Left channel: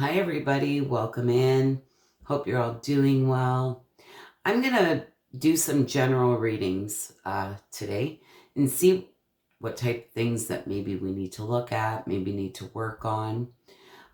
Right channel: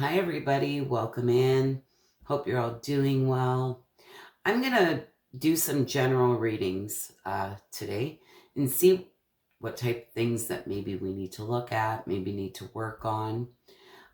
Hi, everybody. Welcome in. Hope you're all doing well. I'm going to do some general readings today and see what type of things that maybe we need to look at, maybe need to work on.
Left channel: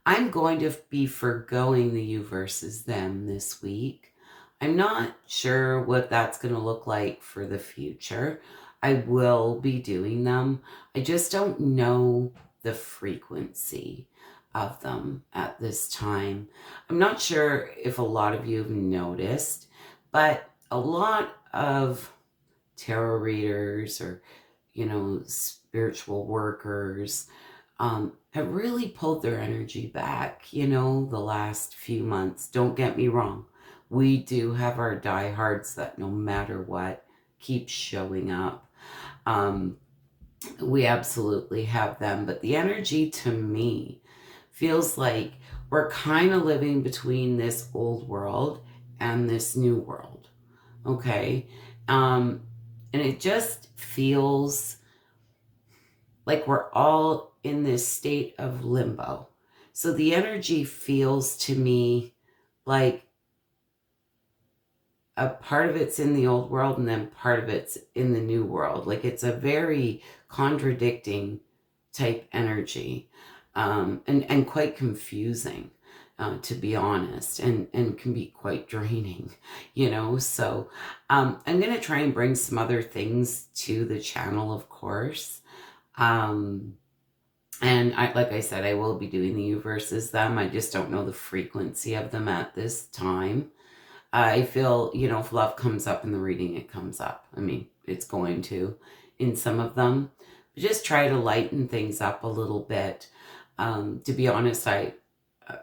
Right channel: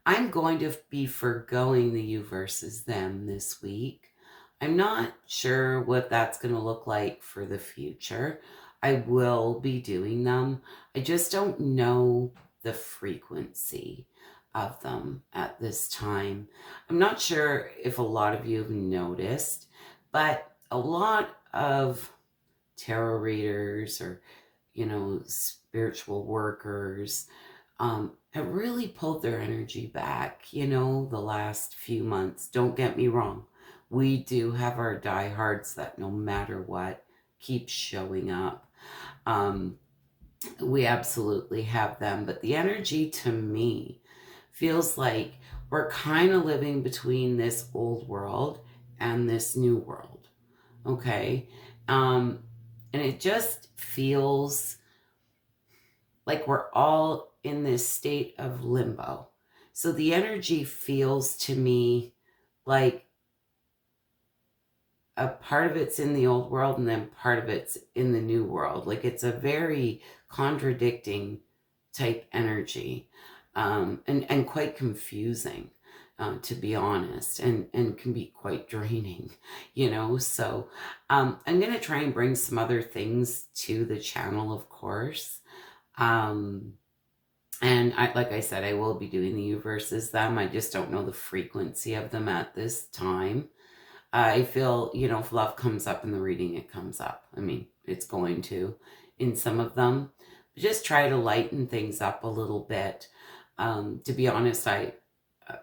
I'm going to be forgoing the you versus them this week. I'm not sure what that's going to look like for the future. I will be doing them. I just don't know the frequency of them at this time. I'm not sure if a lot of you have noticed, but a lot of tarot readers or, spiritual workers have really pulled their energy back, the last few months. Don't get me wrong. We do have our diehards that no matter what keep showing up. We absolutely have them, but the energy to me feels like we're kind of living between this old world and this new world. Okay. And it just feels like we're all in this state of limbo. So the energy feels to me like a part of it's in the old world and then part of it's in the new world. Like it's a very contradicting type energy, and quite confusing, to be honest, and can be quite draining, So I'm going to try and bring some other things to the channel, of course. And like I said, I will be doing the you versus them. I just don't know the frequency of them at this time. I feel, if love comes up in the reading, it comes up. I mean, it's going to in some of them. But just try to lighten things up a little bit. To be honest,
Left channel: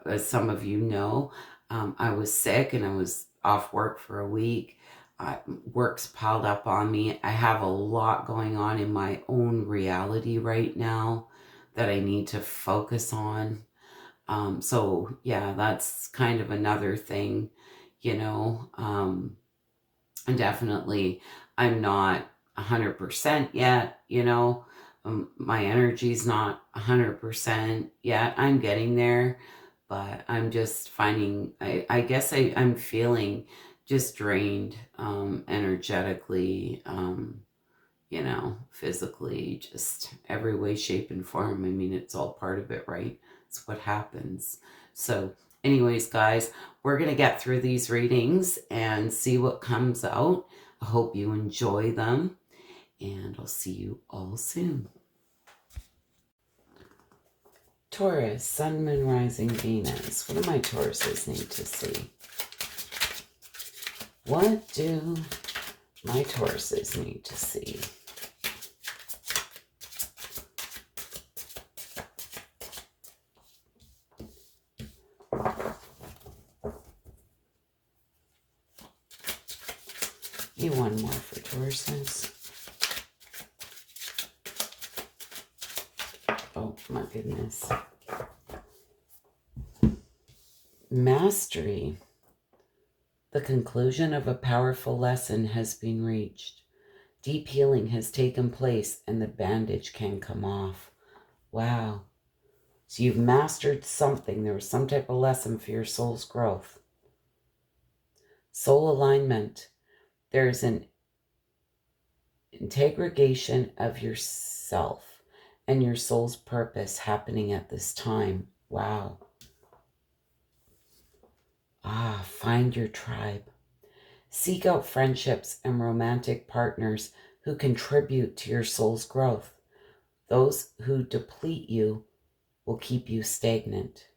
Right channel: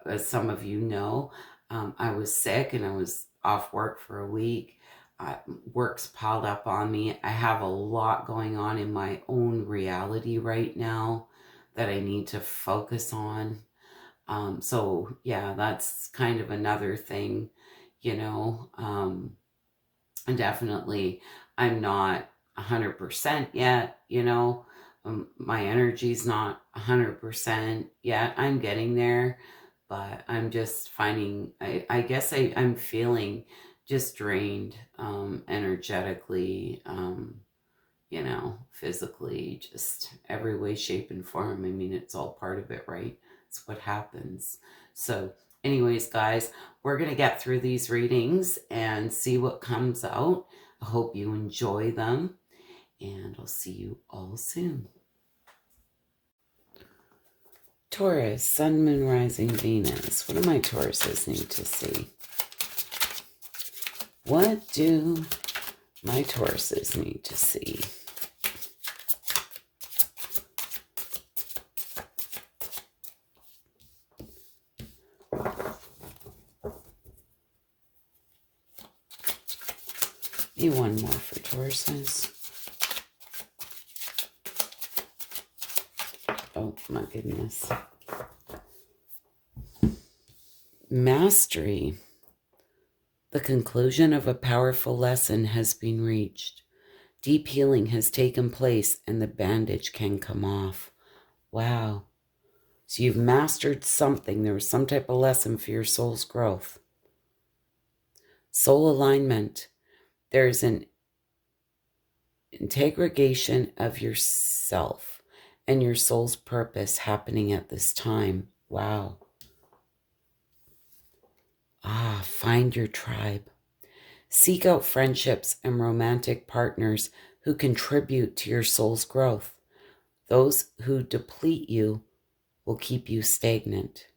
as some of you know, I was sick and I was off work for a week. Work's piled up on me. I have a lot going on in my own reality right now that I need to focus on. So yeah, that's kind of another thing, and definitely I'm not 100% yet, my energy's not 100% yet. I'm getting there, but I'm just finding, I guess I'm feeling just drained, energetically, physically, just every way, shape, and form. I mean, it's all part of it, right? It's what happens. So anyways, guys, we're going to get through these readings and see what comes out. I hope you enjoy them, and I'll see you all soon. Taurus, Sun, Moon, Rising, Venus. What do my Tauruses need to see? What do my Tauruses need to see? One more for Tauruses. Oh my goodness. Mastery. The conclusion of a powerful lesson has been reached. Deep healing has taken place and the bandage can come off. Wow. So you've mastered something. There was some type of lesson for your soul's growth. Soul alignment. There's an integration of yourself and your soul's purpose happening at this time. Wow. Find your tribe. Seek out friendships and romantic partners who contribute to your soul's growth. Those who deplete you will keep you stagnant.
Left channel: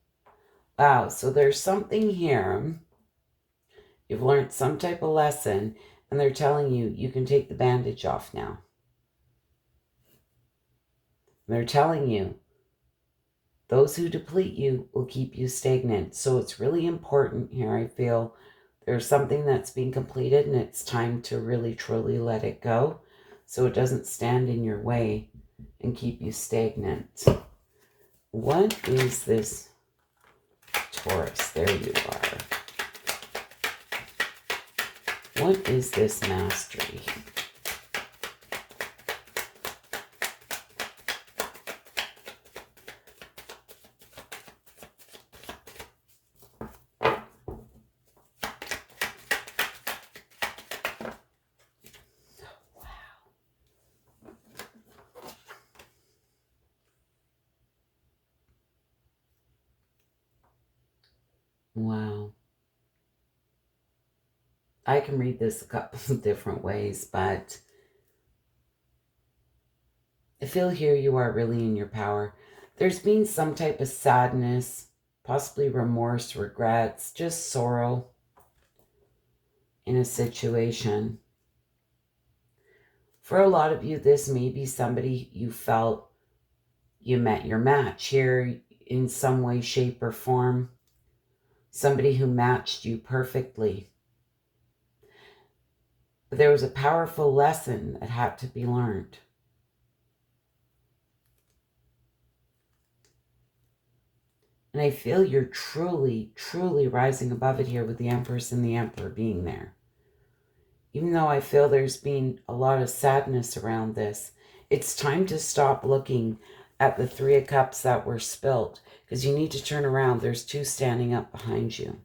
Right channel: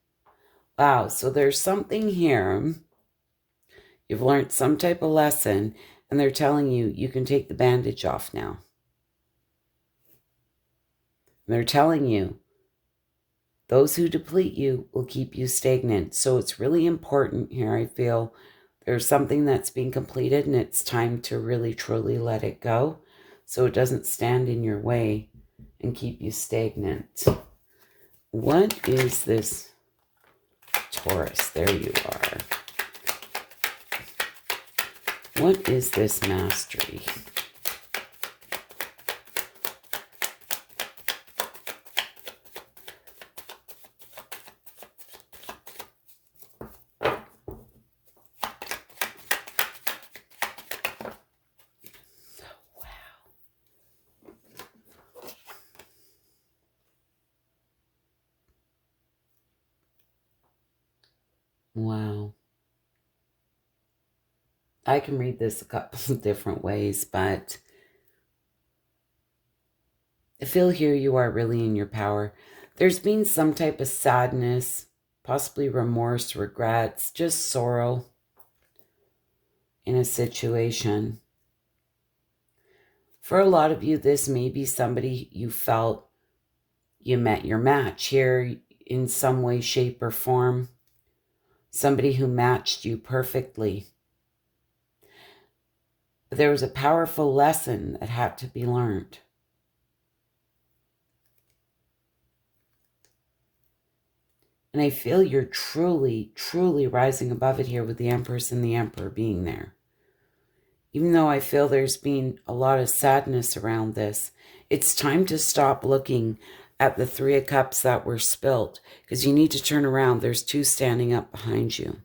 Wow, so there's something here. You've learned some type of lesson, and they're telling you you can take the bandage off now. And they're telling you those who deplete you will keep you stagnant. So it's really important here, I feel. There's something that's being completed, and it's time to really, truly let it go so it doesn't stand in your way and keep you stagnant. What is this, Taurus? There you are. What is this mastery? Wow. I can read this a couple of different ways, but I feel here you are really in your power. There's been some type of sadness, possibly remorse, regrets, just sorrow in a situation. For a lot of you, this may be somebody you felt you met your match here in some way, shape, or form. Somebody who matched you perfectly. But there was a powerful lesson that had to be learned. And I feel you're truly, truly rising above it here with the Empress and the Emperor being there. Even though I feel there's been a lot of sadness around this, it's time to stop looking at the Three of Cups that were spilt, because you need to turn around. There's two standing up behind you.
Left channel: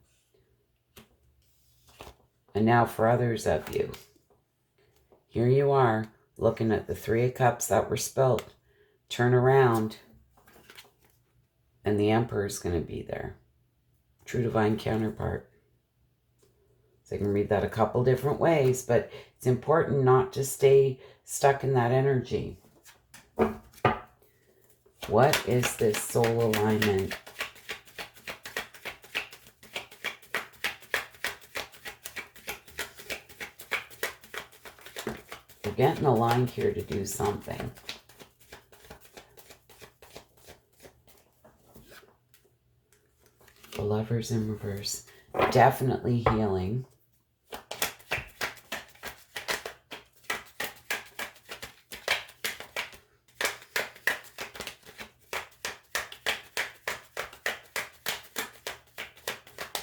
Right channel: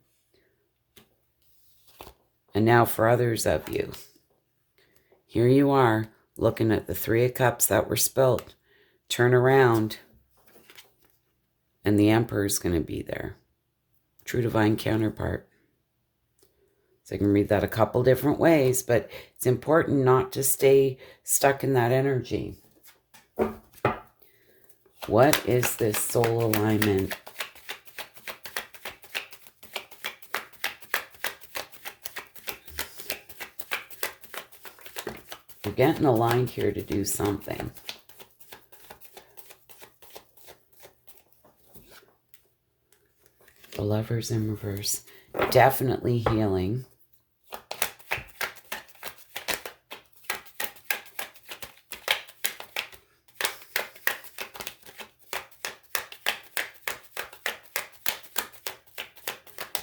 And now for others of you, here you are looking at the Three of Cups that were spilt. Turn around, and the Emperor's going to be there. True divine counterpart. So I can read that a couple different ways, but it's important not to stay stuck in that energy. What is this soul alignment? You're getting aligned here to do something. The Lovers in reverse. Definitely healing.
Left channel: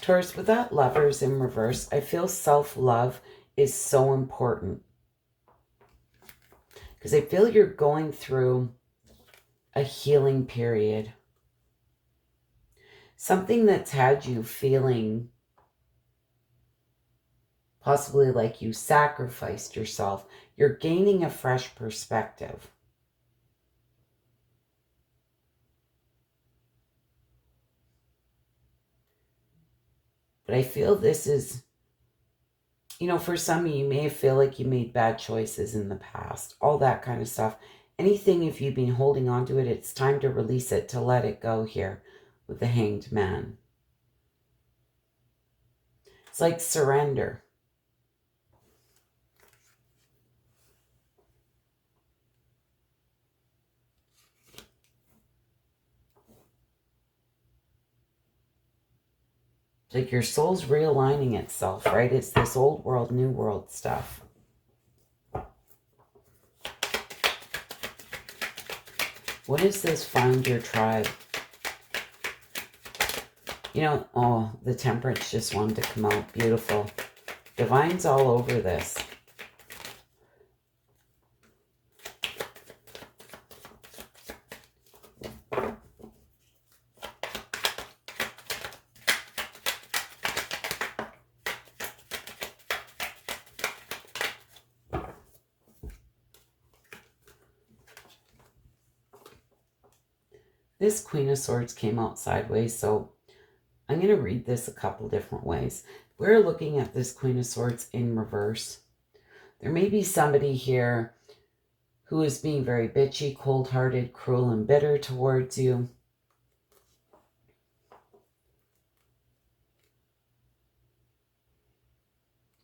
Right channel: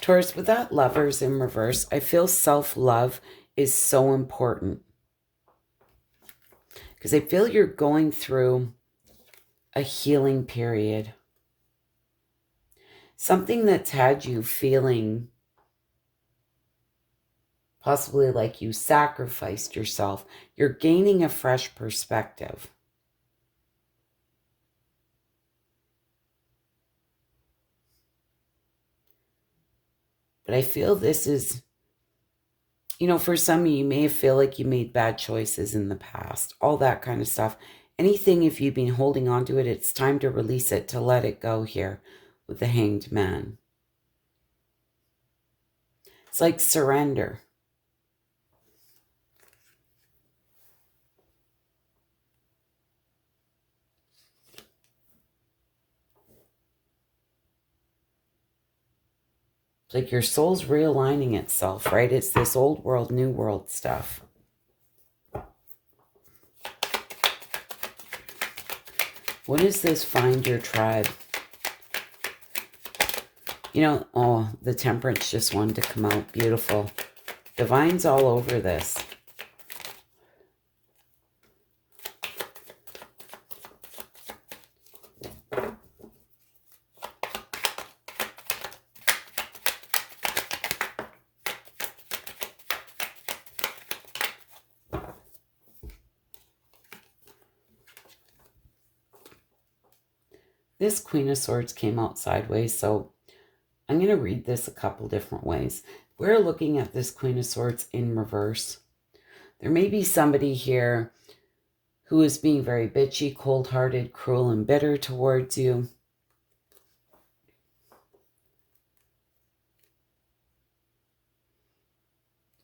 Taurus, with that Lovers in reverse, I feel self-love is so important. Because I feel you're going through a healing period. Something that's had you feeling possibly like you sacrificed yourself. You're gaining a fresh perspective. But I feel this is, you know, for some of you may feel like you made bad choices in the past, all that kind of stuff. Anything, if you've been holding on to it, it's time to release it, to let it go here with the Hanged Man. It's like surrender. It's like your soul's realigning itself, right? It's this old world, new world stuff. What is this find your tribe? You know, oh, the Temperance just wanted to come out. Beautiful. Divine's all over this. This Queen of Swords came out sideways, so I'm going to read this a couple different ways. We're looking at this Queen of Swords in reverse. There may be somebody here who is being very bitchy, cold-hearted, cruel, and bitter towards you.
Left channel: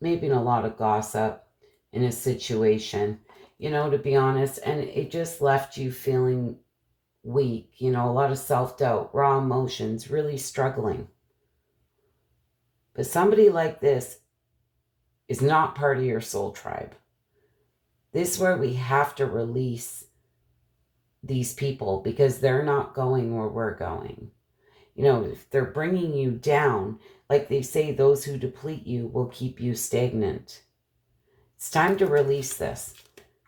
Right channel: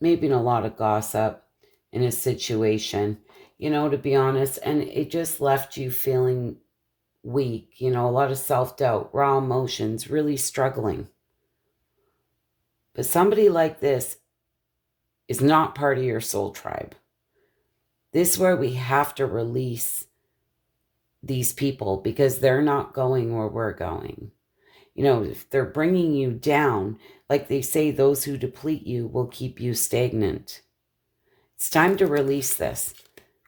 Maybe in a lot of gossip in a situation, you know, to be honest, and it just left you feeling weak, you know, a lot of self-doubt, raw emotions, really struggling. But somebody like this is not part of your soul tribe. This is where we have to release these people because they're not going where we're going. You know, if they're bringing you down, like they say, those who deplete you will keep you stagnant. It's time to release this.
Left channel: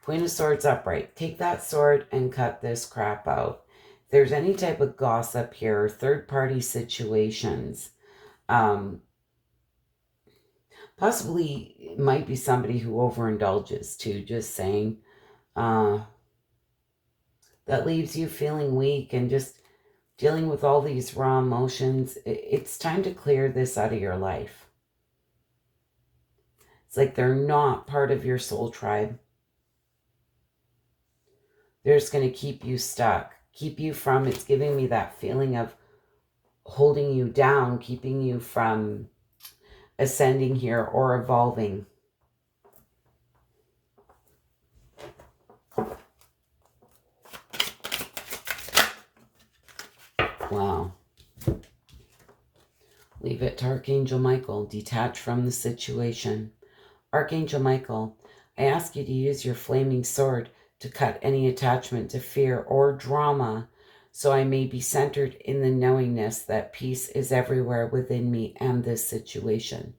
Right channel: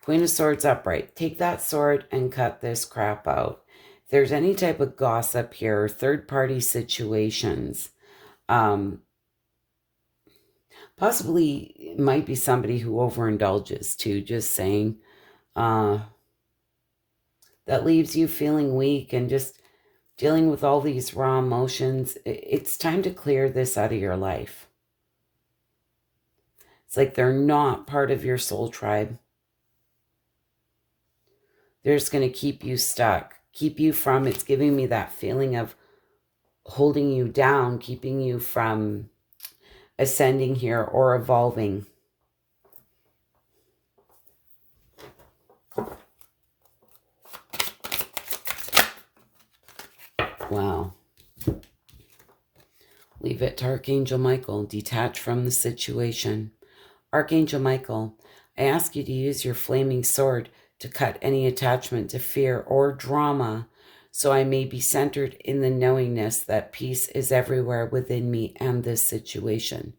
Queen of Swords upright. Take that sword and cut this crap out. If there's any type of gossip here, third-party situations, possibly it might be somebody who overindulges too, just saying, that leaves you feeling weak and just dealing with all these raw emotions. It's time to clear this out of your life. It's like they're not part of your soul tribe. They're just going to keep you stuck, keep you from, it's giving me that feeling of holding you down, keeping you from ascending here or evolving. Wow. Leave it to Archangel Michael. Detach from the situation. Archangel Michael, I ask you to use your flaming sword to cut any attachment to fear or drama, so I may be centered in the knowingness that peace is everywhere within me and this situation.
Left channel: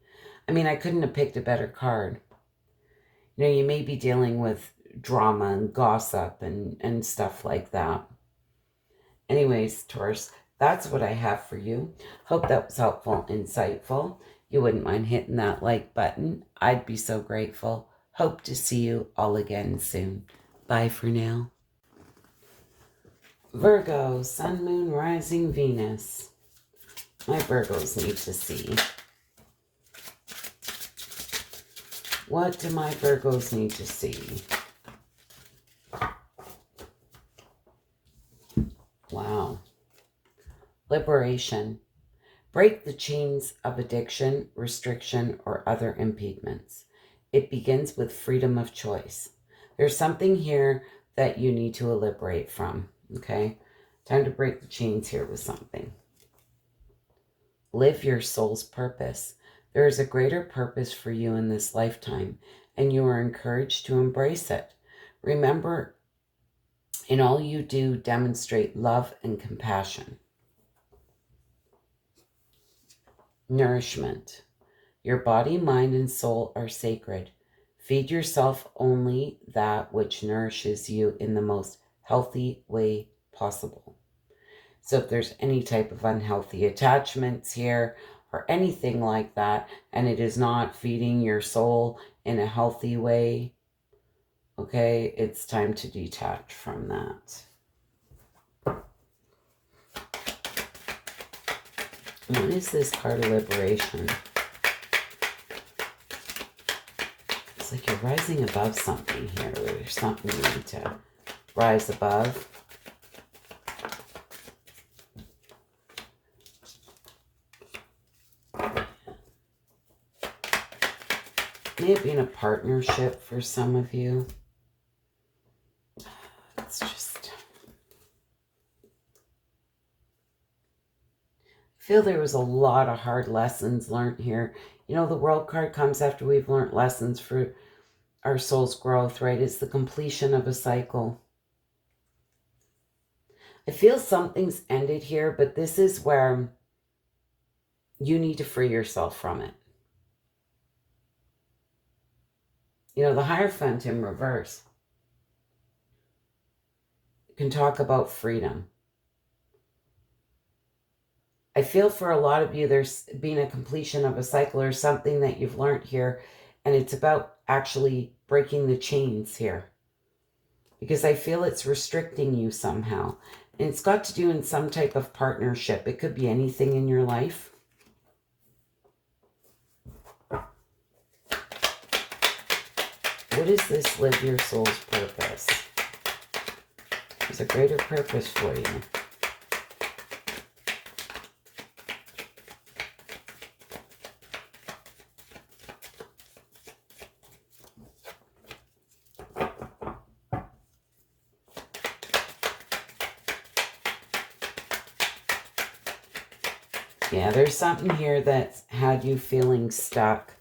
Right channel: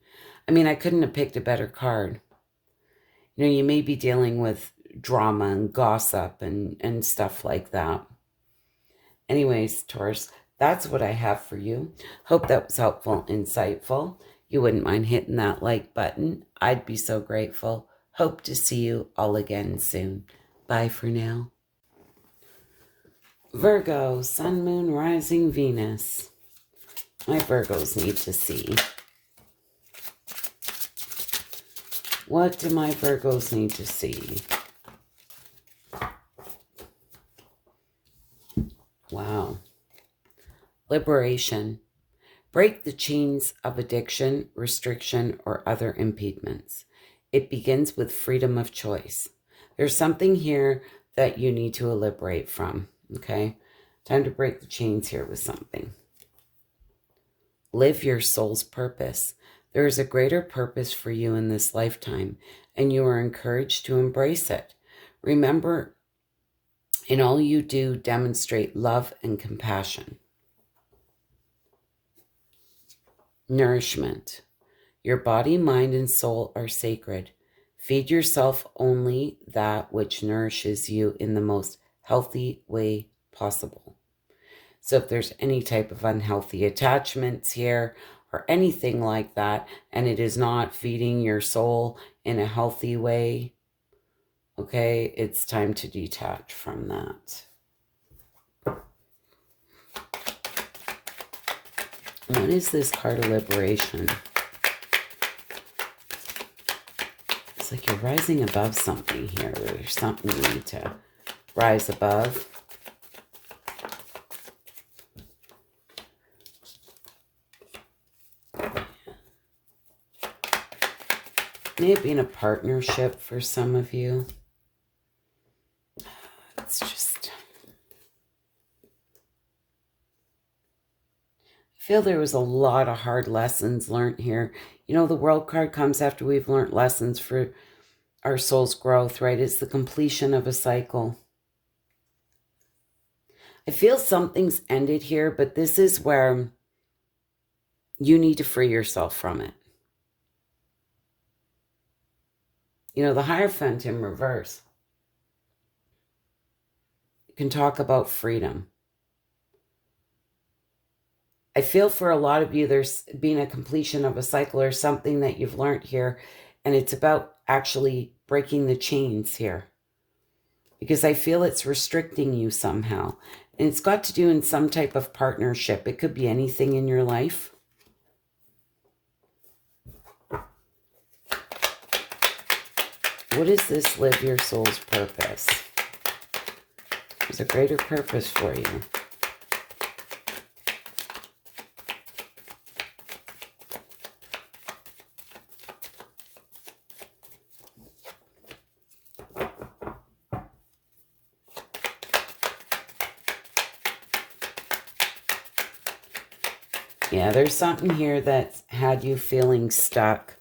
I mean, I couldn't have picked a better card. You know, you may be dealing with drama and gossip and stuff like that. Anyways, Taurus, that's what I have for you. Hope that was helpful, insightful. You wouldn't mind hitting that like button. I'd be so grateful. Hope to see you all again soon. Bye for now. Virgo, Sun, Moon, Rising, Venus. My Virgos need to see. What do my Virgos need to see? Wow. Liberation. Break the chains of addiction, restriction, or other impediments. It begins with freedom of choice. There's something here that you need to liberate from, okay? Time to break the chains here with something. Live your soul's purpose. There is a greater purpose for you in this lifetime, and you are encouraged to embrace it. Remember, in all you do, demonstrate love and compassion. Nourishment. Your body, mind, and soul are sacred. Feed yourself only that which nourishes you in the most healthy way possible. So if there's any type of unhealthy attachments here or anything like that, and it is not feeding your soul in a healthy way, okay, it's time to detach from that. What is this card of liberation? It's like you're rising above something here. There's something you need to rise above. May it be in a partnership for some of you. It's just... I feel there was a lot of hard lessons learned here. You know, the World card comes after we've learned lessons for our soul's growth, right? It's the completion of a cycle. I feel something's ended here, but this is where you need to free yourself from it. You know, the Hierophant in reverse can talk about freedom. I feel for a lot of you, there's been a completion of a cycle or something that you've learned here, and it's about actually breaking the chains here. Because I feel it's restricting you somehow. And it's got to do in some type of partnership. It could be anything in your life. What is this live your soul's purpose? There's a greater purpose for you. Yeah, there's something here that's had you feeling stuck.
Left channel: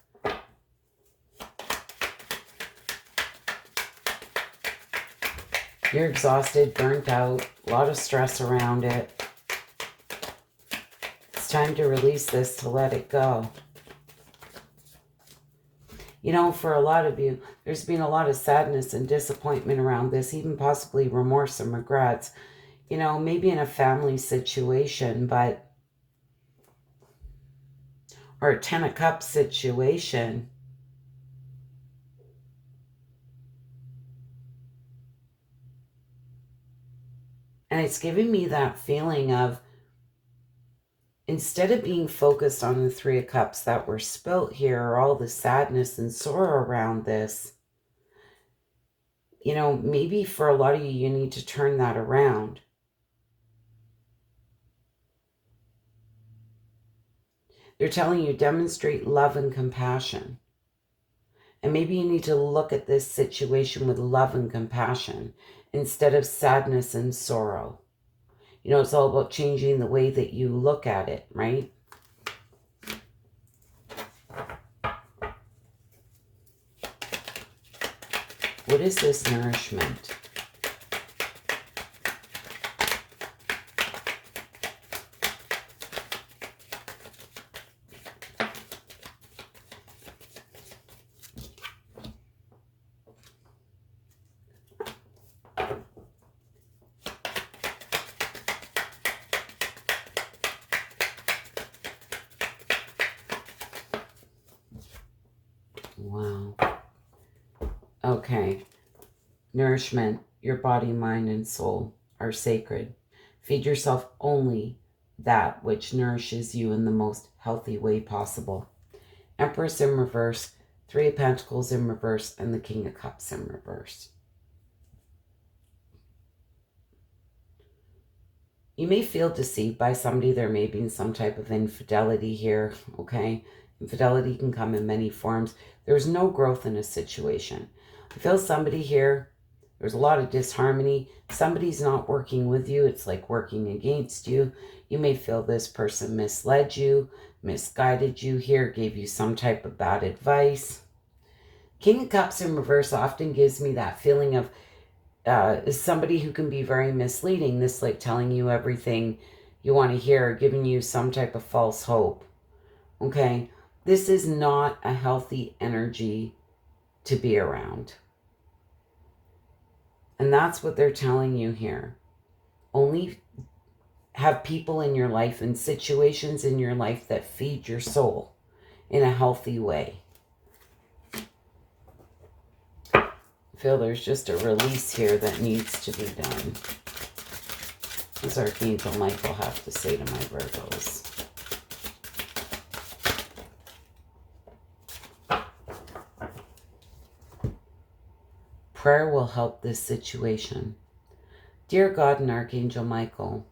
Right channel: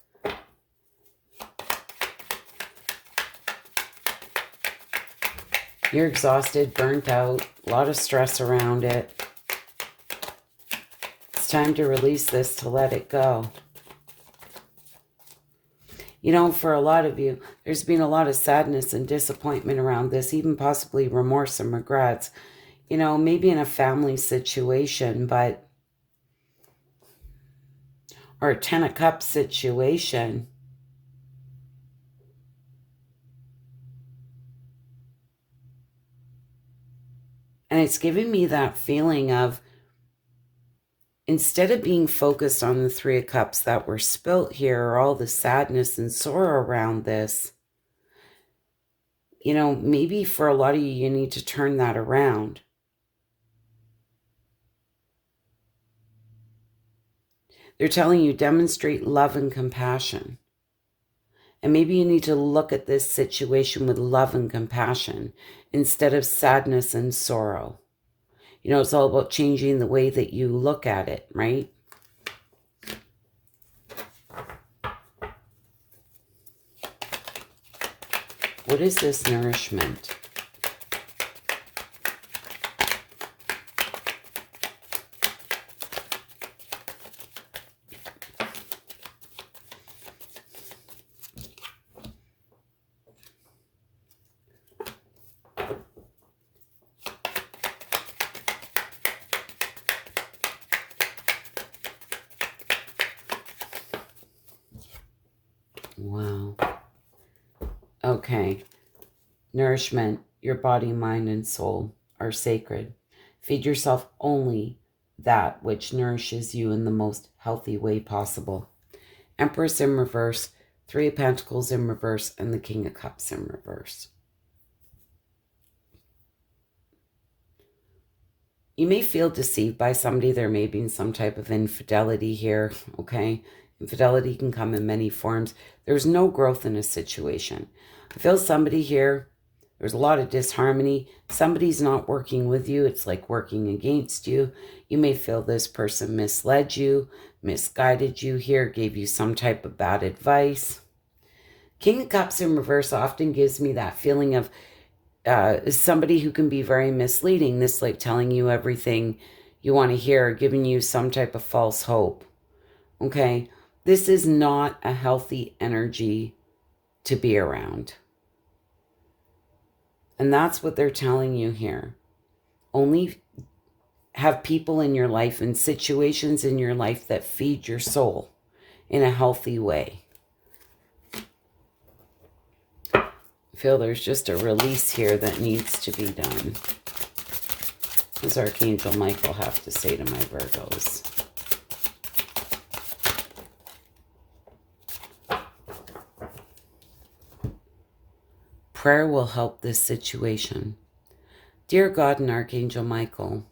You're exhausted, burnt out, a lot of stress around it. It's time to release this, to let it go. You know, for a lot of you, there's been a lot of sadness and disappointment around this, even possibly remorse and regrets. You know, maybe in a family situation, but... or a 10 of Cups situation. And it's giving me that feeling of instead of being focused on the Three of Cups that were spilt here, or all the sadness and sorrow around this, you know, maybe for a lot of you, you need to turn that around. They're telling you demonstrate love and compassion. And maybe you need to look at this situation with love and compassion instead of sadness and sorrow. You know, it's all about changing the way that you look at it, right? What is this nourishment? Wow. Okay. Nourishment, your body, mind, and soul are sacred. Feed yourself only that which nourishes you in the most healthy way possible. Empress in reverse, Three of Pentacles in reverse, and the King of Cups in reverse. You may feel deceived by somebody. There may be some type of infidelity here, okay? Infidelity can come in many forms. There's no growth in a situation. I feel somebody here, there's a lot of disharmony. Somebody's not working with you. It's like working against you. You may feel this person misled you, misguided you here, gave you some type of bad advice. King of Cups in reverse often gives me that feeling of is somebody who can be very misleading. This like telling you everything you want to hear, giving you some type of false hope. Okay, this is not a healthy energy to be around. And that's what they're telling you here. Only have people in your life and situations in your life that feed your soul in a healthy way. I feel there's just a release here that needs to be done. What does Archangel Michael have to say to my Virgos? Prayer will help this situation. Dear God and Archangel Michael,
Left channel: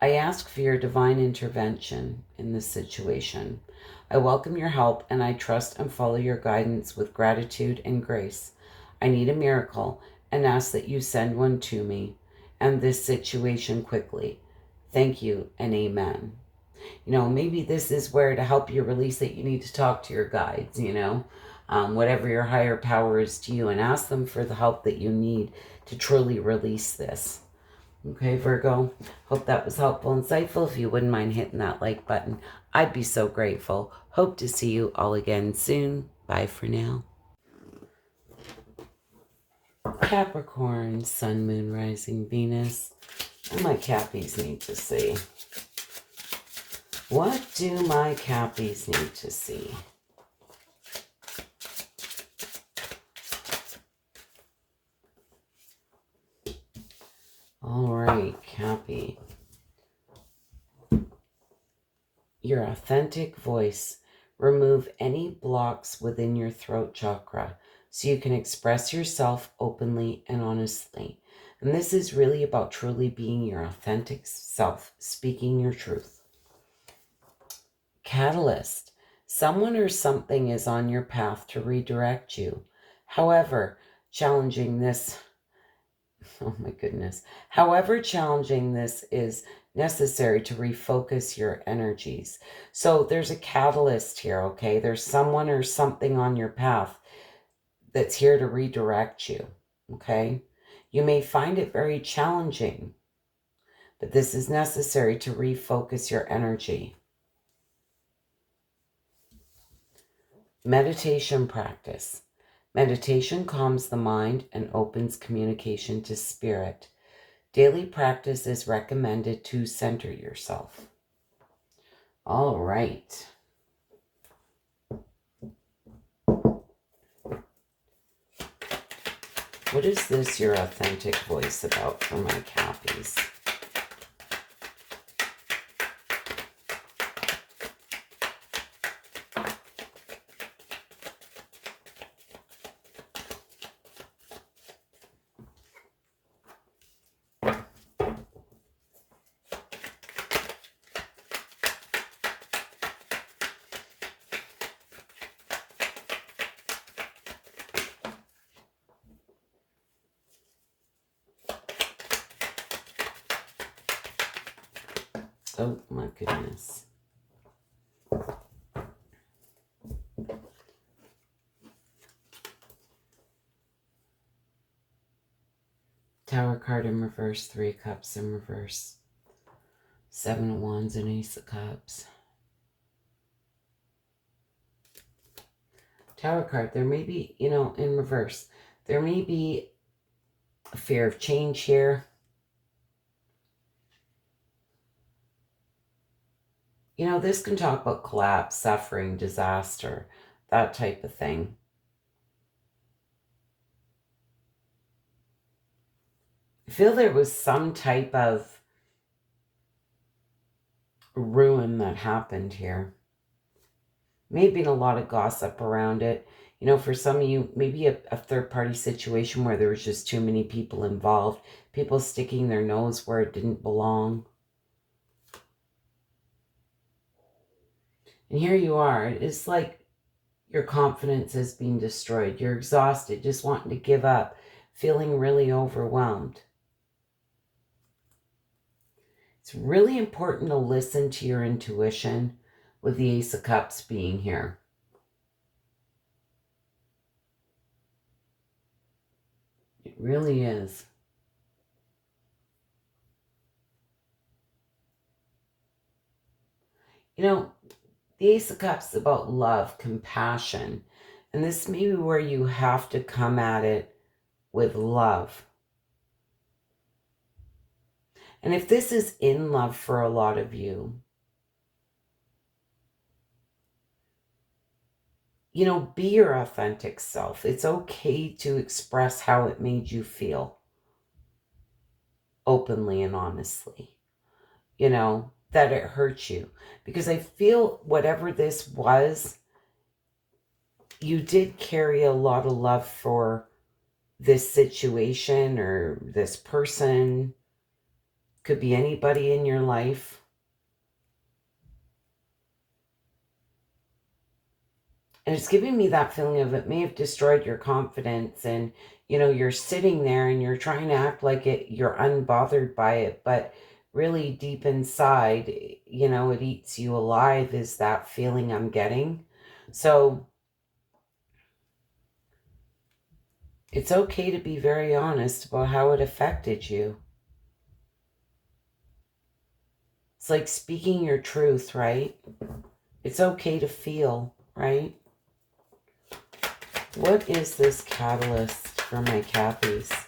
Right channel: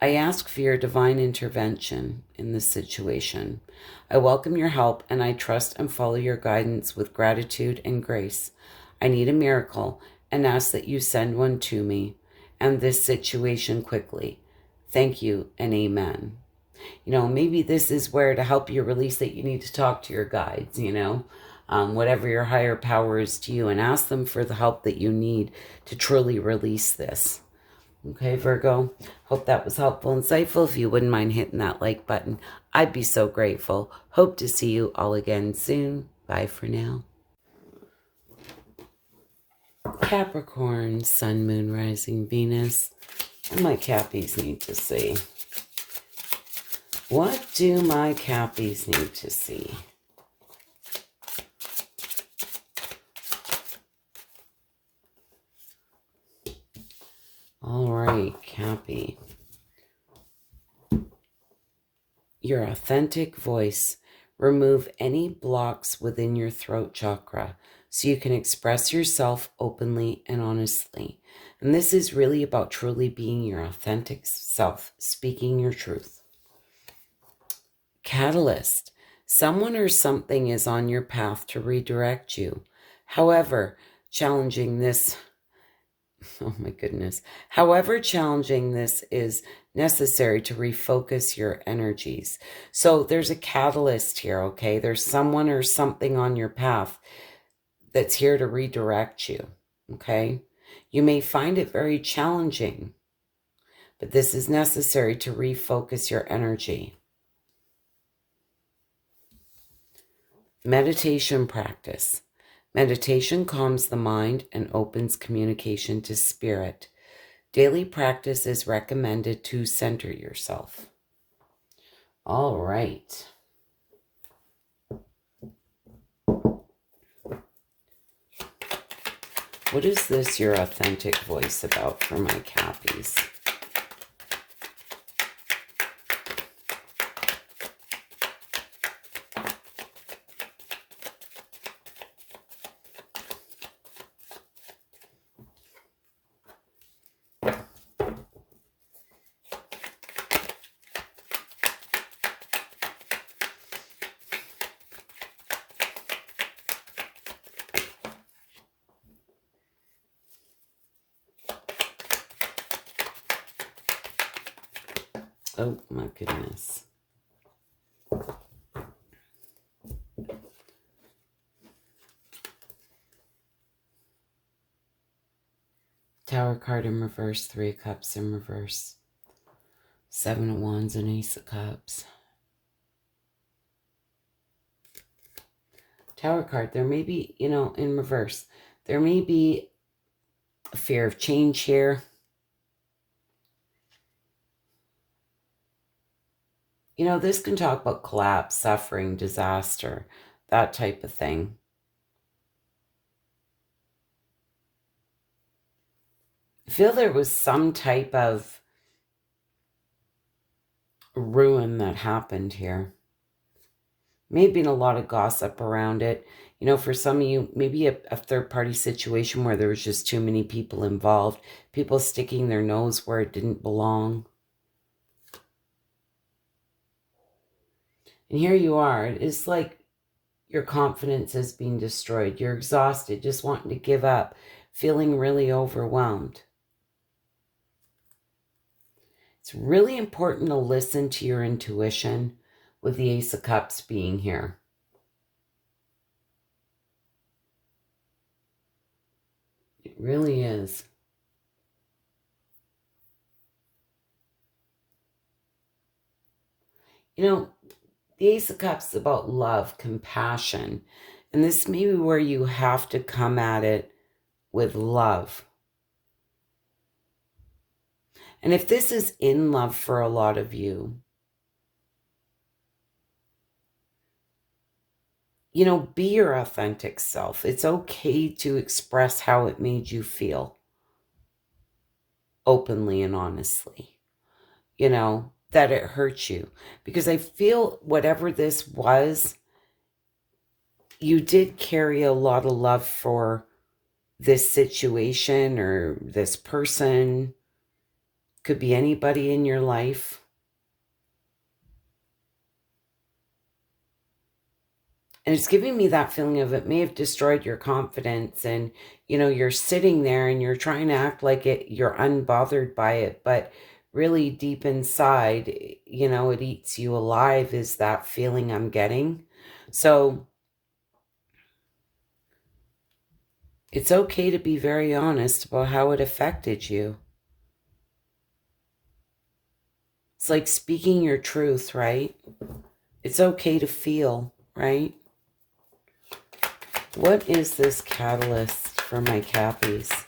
I ask for your divine intervention in this situation. I welcome your help and I trust and follow your guidance with gratitude and grace. I need a miracle and ask that you send one to me and this situation quickly. Thank you and amen. You know, maybe this is where to help you release that you need to talk to your guides, you know, whatever your higher power is to you, and ask them for the help that you need to truly release this. Okay, Virgo, hope that was helpful and insightful. If you wouldn't mind hitting that like button, I'd be so grateful. Hope to see you all again soon. Bye for now. Capricorn, Sun, Moon, Rising, Venus. What do my Cappies need to see? What do my Cappies need to see? All right, Cappy. Your authentic voice. Remove any blocks within your throat chakra so you can express yourself openly and honestly. And this is really about truly being your authentic self, speaking your truth. Catalyst. Someone or something is on your path to redirect you. However, challenging this... Oh my goodness. However challenging this is necessary to refocus your energies. So there's a catalyst here, okay? There's someone or something on your path that's here to redirect you, okay? You may find it very challenging, but this is necessary to refocus your energy. Meditation practice. Meditation calms the mind and opens communication to spirit. Daily practice is recommended to center yourself. All right. What is this, your authentic voice, about for my Cappies? Oh my goodness. Tower card in reverse, 3 cups in reverse. 7 of wands and ace of cups. Tower card, there may be, in reverse, there may be a fear of change here. This can talk about collapse, suffering, disaster, that type of thing. I feel there was some type of ruin that happened here. May have been a lot of gossip around it. For some of you, maybe a third-party situation where there was just too many people involved, people sticking their nose where it didn't belong. And here you are. It's like your confidence is being destroyed. You're exhausted, just wanting to give up, feeling really overwhelmed. It's really important to listen to your intuition with the Ace of Cups being here. It really is. The Ace of Cups is about love, compassion. And this may be where you have to come at it with love. And if this is in love for a lot of you, be your authentic self. It's okay to express how it made you feel openly and honestly, that it hurts you. Because I feel whatever this was, you did carry a lot of love for this situation or this person. Could be anybody in your life. And it's giving me that feeling of it may have destroyed your confidence, and, you're sitting there and you're trying to act like you're unbothered by it, but really deep inside, it eats you alive, is that feeling I'm getting. So it's okay to be very honest about how it affected you. It's like speaking your truth, right? It's okay to feel, right? What is this catalyst for my Cappies?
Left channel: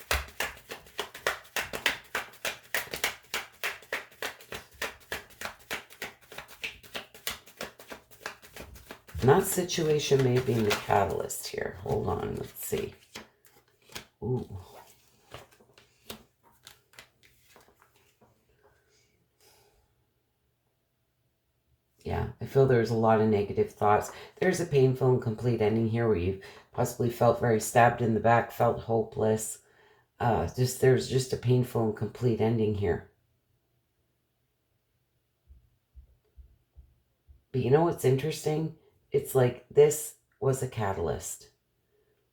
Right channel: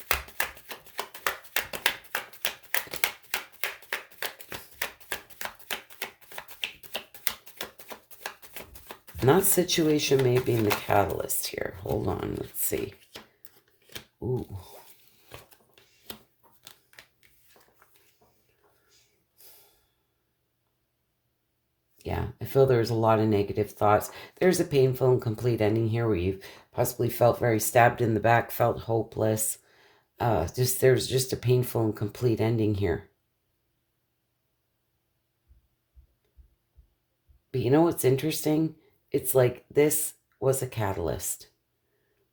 And that situation may be in the catalyst here. Hold on, let's see. Ooh. Yeah, I feel there's a lot of negative thoughts. There's a painful and complete ending here where you've possibly felt very stabbed in the back, felt hopeless. There's just a painful and complete ending here. But you know what's interesting? It's like this was a catalyst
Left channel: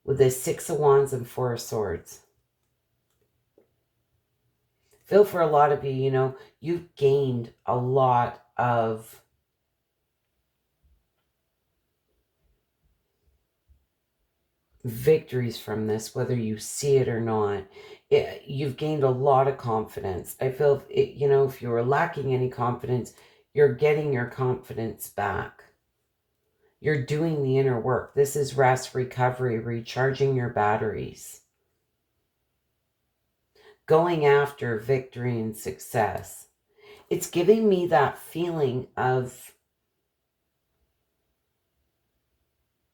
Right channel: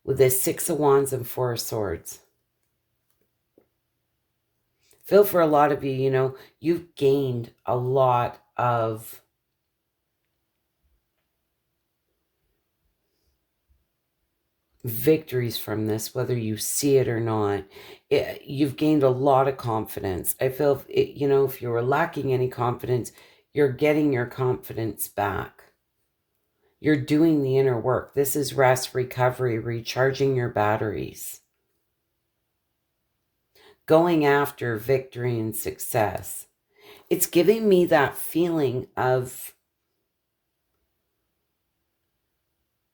with this 6 of Wands and 4 of Swords. Feel for a lot of you, you've gained a lot of victories from this, whether you see it or not. You've gained a lot of confidence. I feel, if you were lacking any confidence, you're getting your confidence back. You're doing the inner work. This is rest, recovery, recharging your batteries. Going after victory and success. It's giving me that feeling of,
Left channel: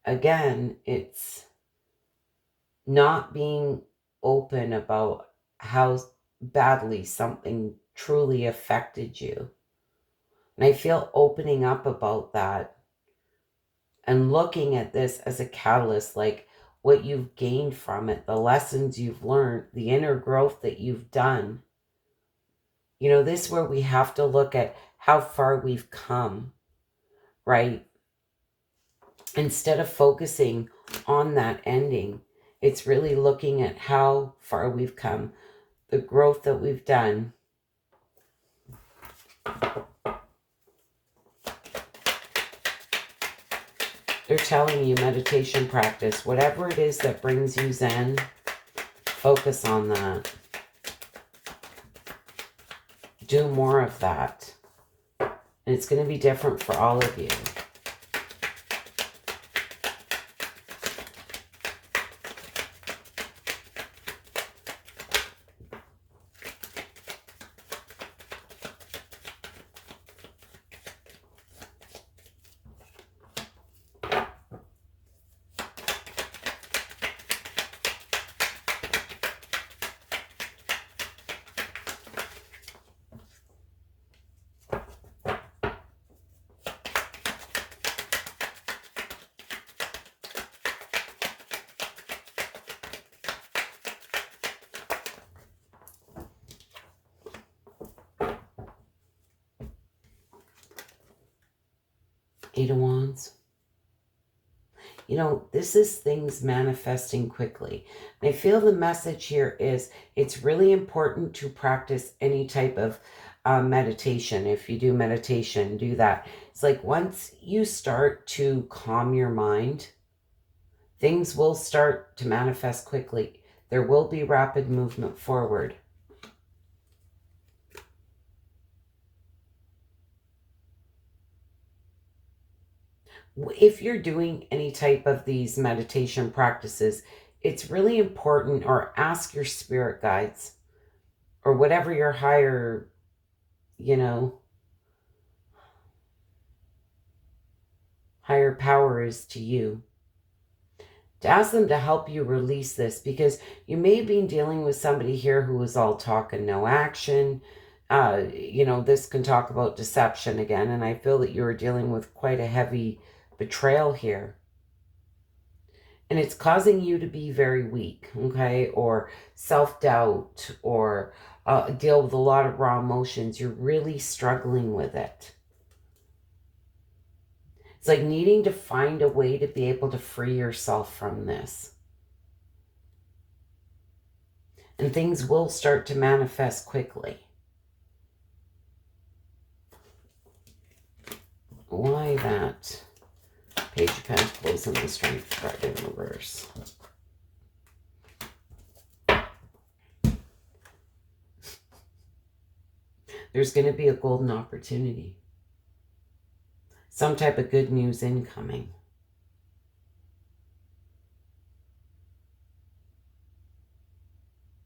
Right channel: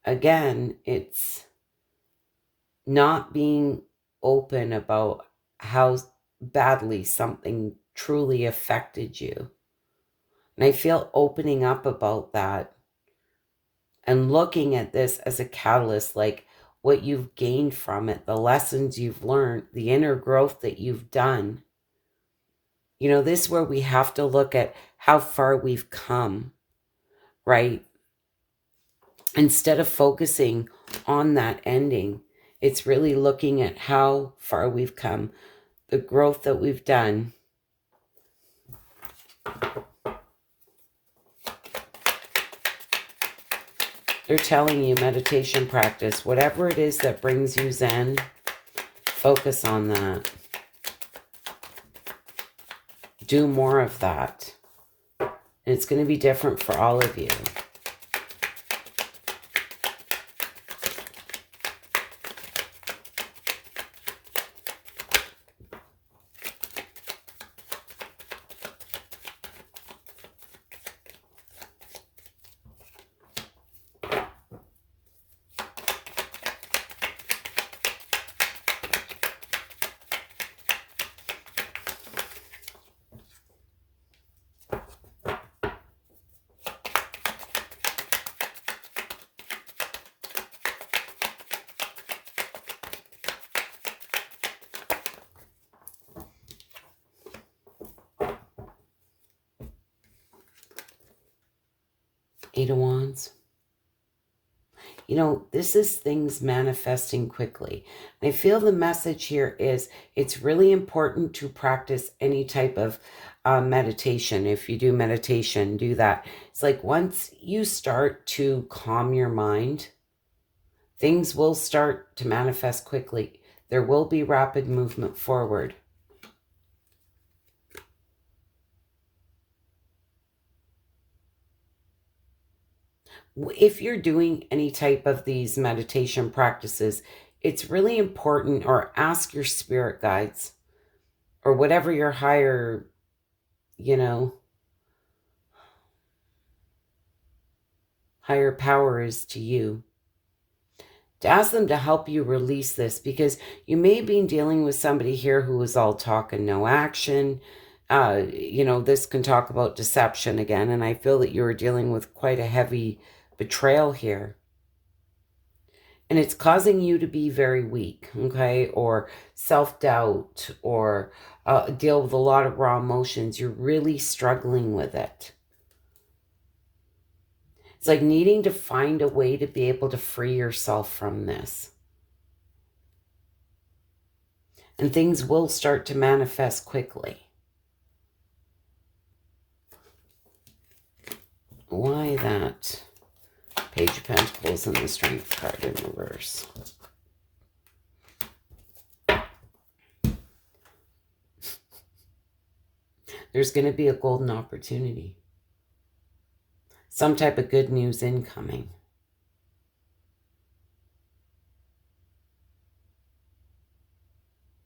again, it's not being open about how badly something truly affected you. And I feel opening up about that and looking at this as a catalyst, like what you've gained from it, the lessons you've learned, the inner growth that you've done. This is where we have to look at how far we've come, right? Instead of focusing on that ending, it's really looking at how far we've come, the growth that we've done. They're telling you meditation practice. Whatever it is that brings you Zen, focus on that. Do more of that. And it's going to be different for all of you. Eight of Wands. You know, this is things manifesting quickly. And I feel the message here is it's really important to practice any type of meditation. If you do meditation, do that. It's like once you start to calm your mind, things will start to manifest quickly. There will be rapid movement forward. If you're doing any type of these meditation practices, it's really important, or ask your spirit guides or whatever your higher, higher power is to you, to ask them to help you release this, because you may be dealing with somebody here who is all talk and no action. This can talk about deception again, and I feel that you're dealing with quite a heavy betrayal here. And it's causing you to be very weak, okay? Or self-doubt, or deal with a lot of raw emotions. You're really struggling with it. It's like needing to find a way to be able to free yourself from this. And things will start to manifest quickly. Why that? Page of Pentacles and the Strength card in reverse. There's going to be a golden opportunity. Some type of good news incoming.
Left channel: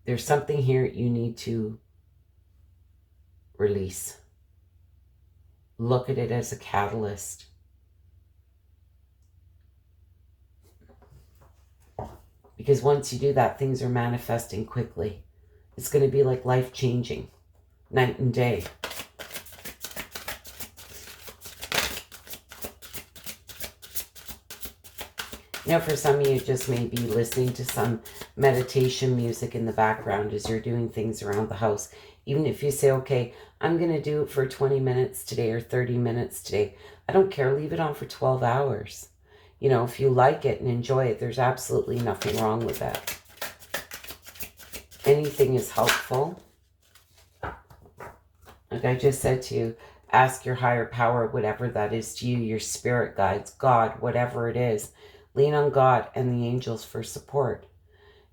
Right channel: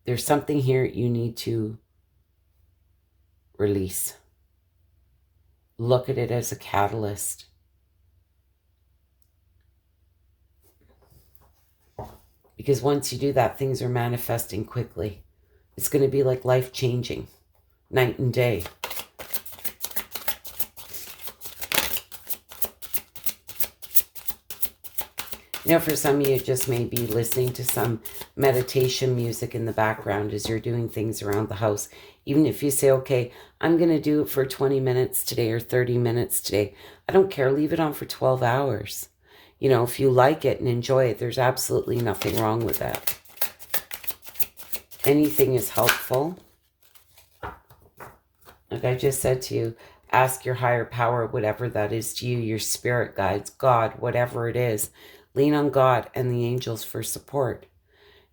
There's something here you need to release. Look at it as a catalyst. Because once you do that, things are manifesting quickly. It's going to be like life-changing, night and day. You know, for some of you, just maybe listening to some meditation music in the background as you're doing things around the house. Even if you say, okay, I'm going to do it for 20 minutes today or 30 minutes today. I don't care. Leave it on for 12 hours. You know, if you like it and enjoy it, there's absolutely nothing wrong with that. Anything is helpful. Like I just said to you, ask your higher power, whatever that is to you, your spirit guides, God, whatever it is. Lean on God and the angels for support.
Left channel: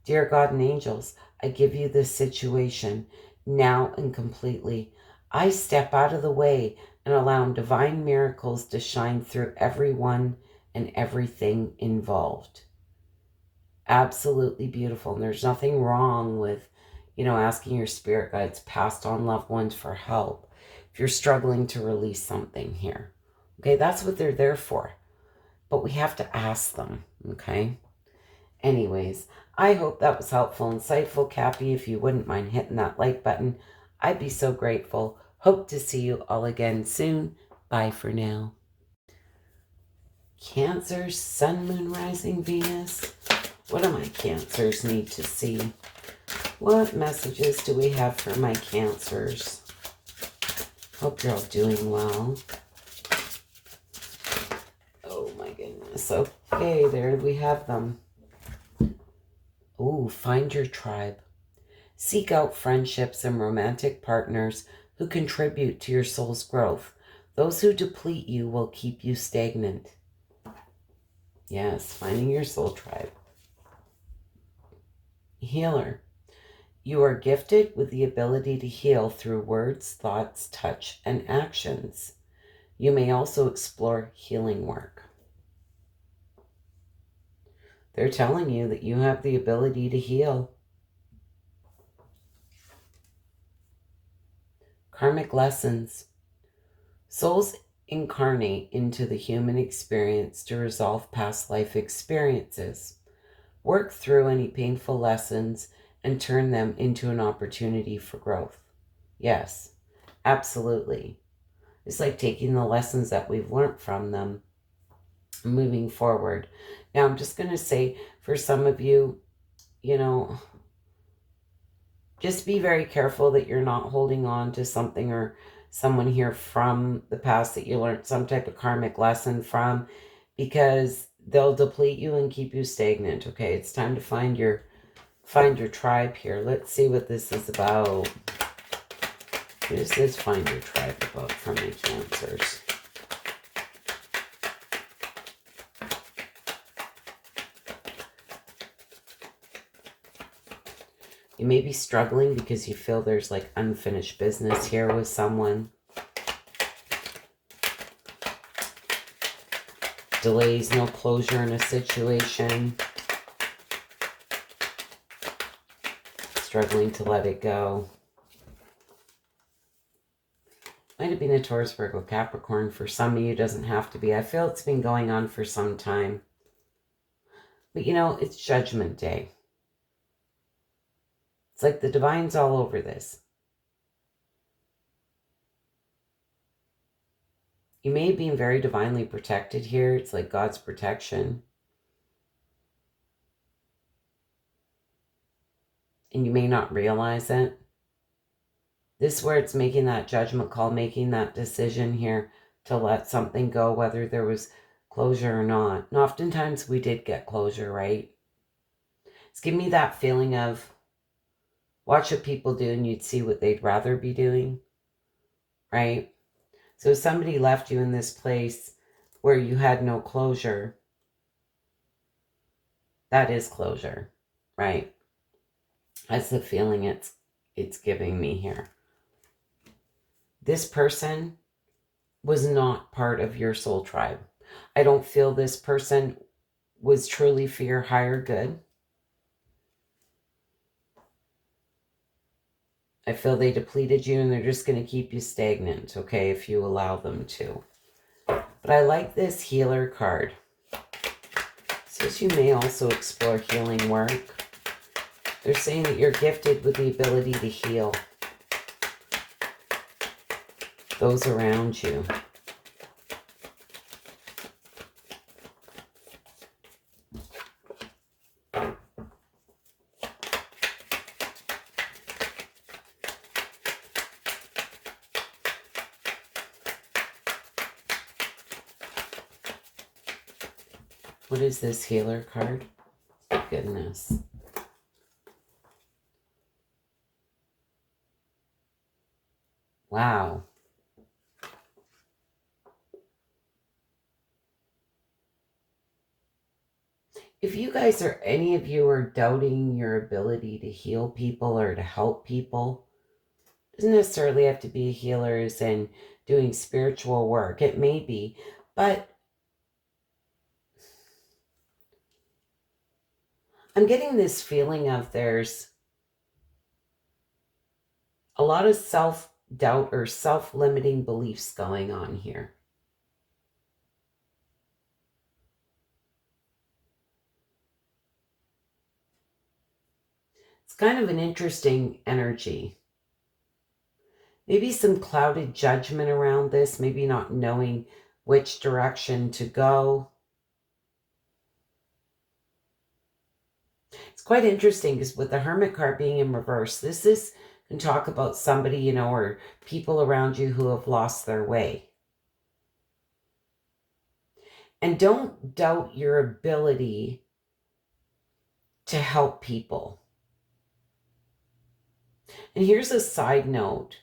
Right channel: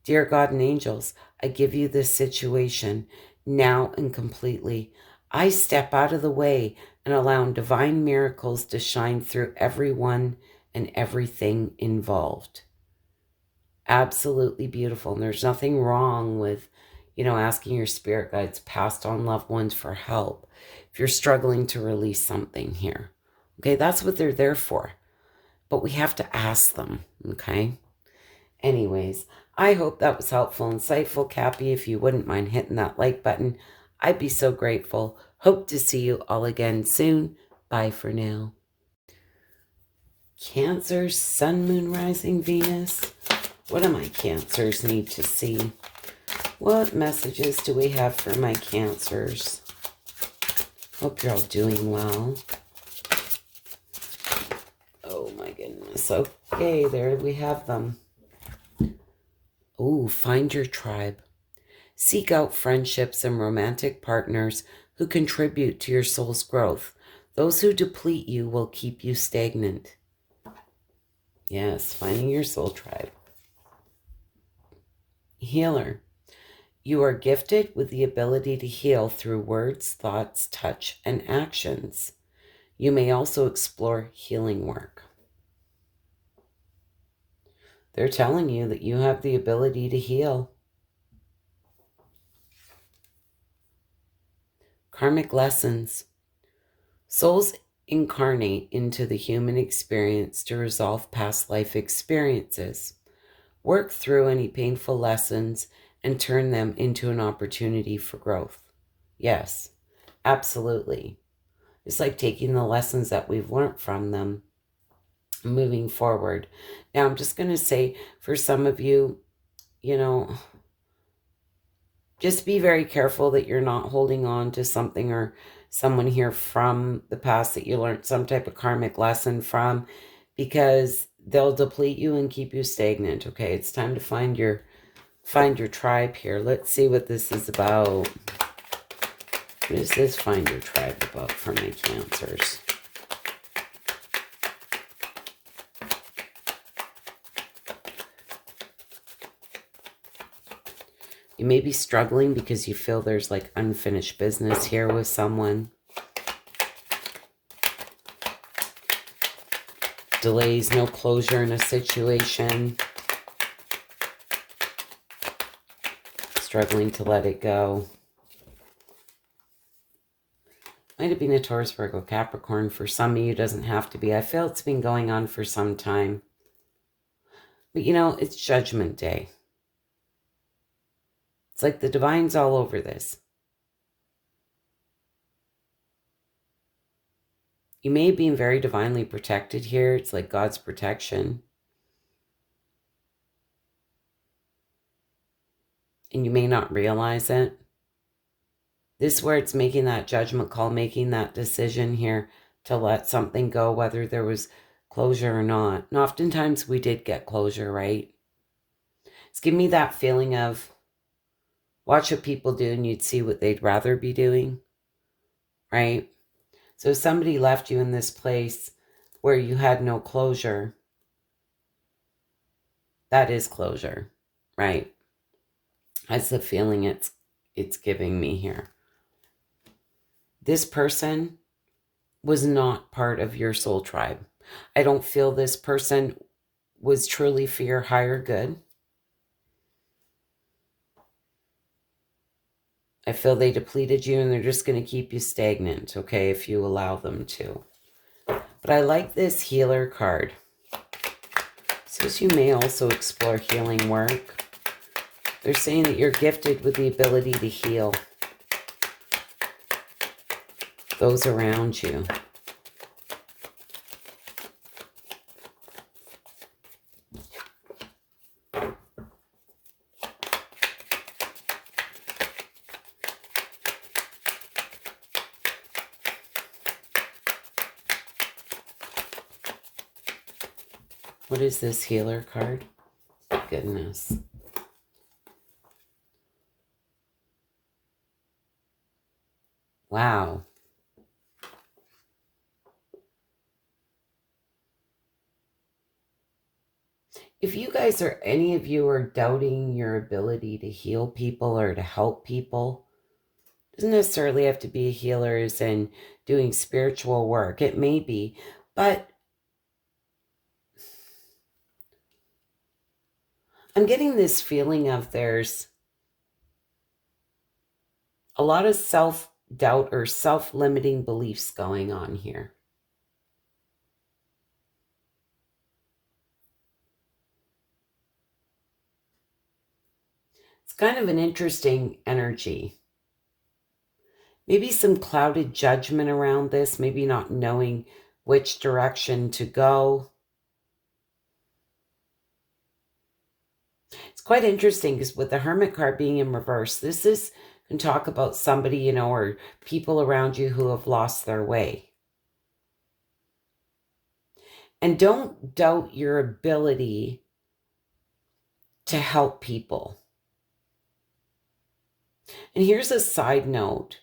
Dear God and angels, I give you this situation now and completely. I step out of the way and allow divine miracles to shine through everyone and everything involved. Absolutely beautiful. And there's nothing wrong with, asking your spirit guides, passed on loved ones for help. If you're struggling to release something here, okay, that's what they're there for. But we have to ask them, okay? Anyways, I hope that was helpful, insightful. Cappy, if you wouldn't mind hitting that like button, I'd be so grateful. Hope to see you all again soon. Bye for now. Cancer, Sun, Moon, Rising, Venus. What do my Cancers need to see? What messages do we have for my Cancers? Hope you're all doing well. Oh my goodness. Okay, there we have them. Oh, find your tribe. Seek out friendships and romantic partners who contribute to your soul's growth. Those who deplete you will keep you stagnant. Yes, finding your soul tribe. Healer. You are gifted with the ability to heal through words, thoughts, touch, and actions. You may also explore healing work. They're telling you that you have the ability to heal. Karmic lessons. Souls incarnate into the human experience to resolve past life experiences, work through any painful lessons, and turn them into an opportunity for growth. Yes, absolutely. It's like taking the lessons that we've learned from them, moving forward. Now, I'm just going to say, for some of you, just be very careful that you're not holding on to something or someone here from the past that you learned some type of karmic lesson from, because they'll deplete you and keep you stagnant. Okay, it's time to find your tribe here. Let's see what this is about. What is this find your tribe about for my Cancers? You may be struggling because you feel there's like unfinished business here with someone. Delays, no closure in a situation. Struggling to let it go. Might have been a Taurus, Virgo, Capricorn. For some of you, it doesn't have to be. I feel it's been going on for some time. But it's Judgment Day. It's like the divine's all over this. You may be very divinely protected here. It's like God's protection. And you may not realize it. This is where it's making that judgment call, making that decision here to let something go, whether there was closure or not. And oftentimes we did get closure, right? It's giving me that feeling of watch what people do and you'd see what they'd rather be doing, right? So if somebody left you in this place where you had no closure, that is closure, right? That's the feeling it's giving me here. This person was not part of your soul tribe. I don't feel this person was truly for your higher good. I feel they depleted you and they're just going to keep you stagnant, okay, if you allow them to. But I like this healer card. It says you may also explore healing work. They're saying that you're gifted with the ability to heal those around you. What is this healer card? Goodness. Wow. If you guys are, any of you are doubting your ability to heal people or to help people, it doesn't necessarily have to be healers and doing spiritual work. It may be, but I'm getting this feeling of there's a lot of self-doubt or self-limiting beliefs going on here. It's kind of an interesting energy. Maybe some clouded judgment around this, maybe not knowing which direction to go. It's quite interesting because with the Hermit card being in reverse, this can talk about somebody, or people around you who have lost their way. And don't doubt your ability to help people. And here's a side note,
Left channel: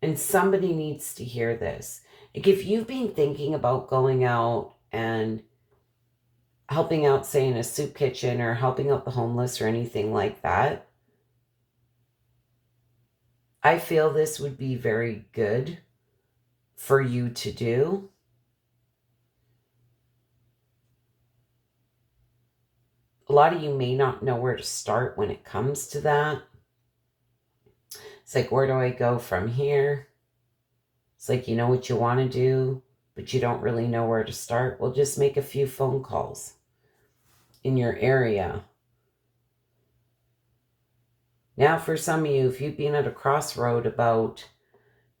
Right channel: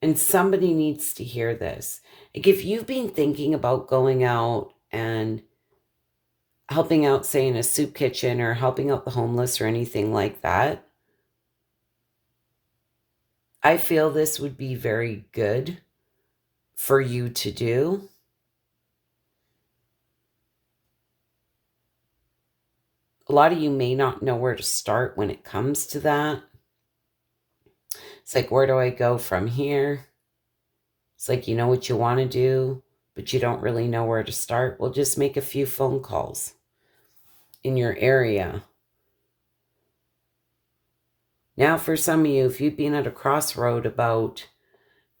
and somebody needs to hear this. Like if you've been thinking about going out and helping out, say, in a soup kitchen or helping out the homeless or anything like that, I feel this would be very good for you to do. A lot of you may not know where to start when it comes to that. It's like, where do I go from here? It's like, you know what you want to do, but you don't really know where to start. Well, just make a few phone calls in your area. Now, for some of you, if you've been at a crossroad about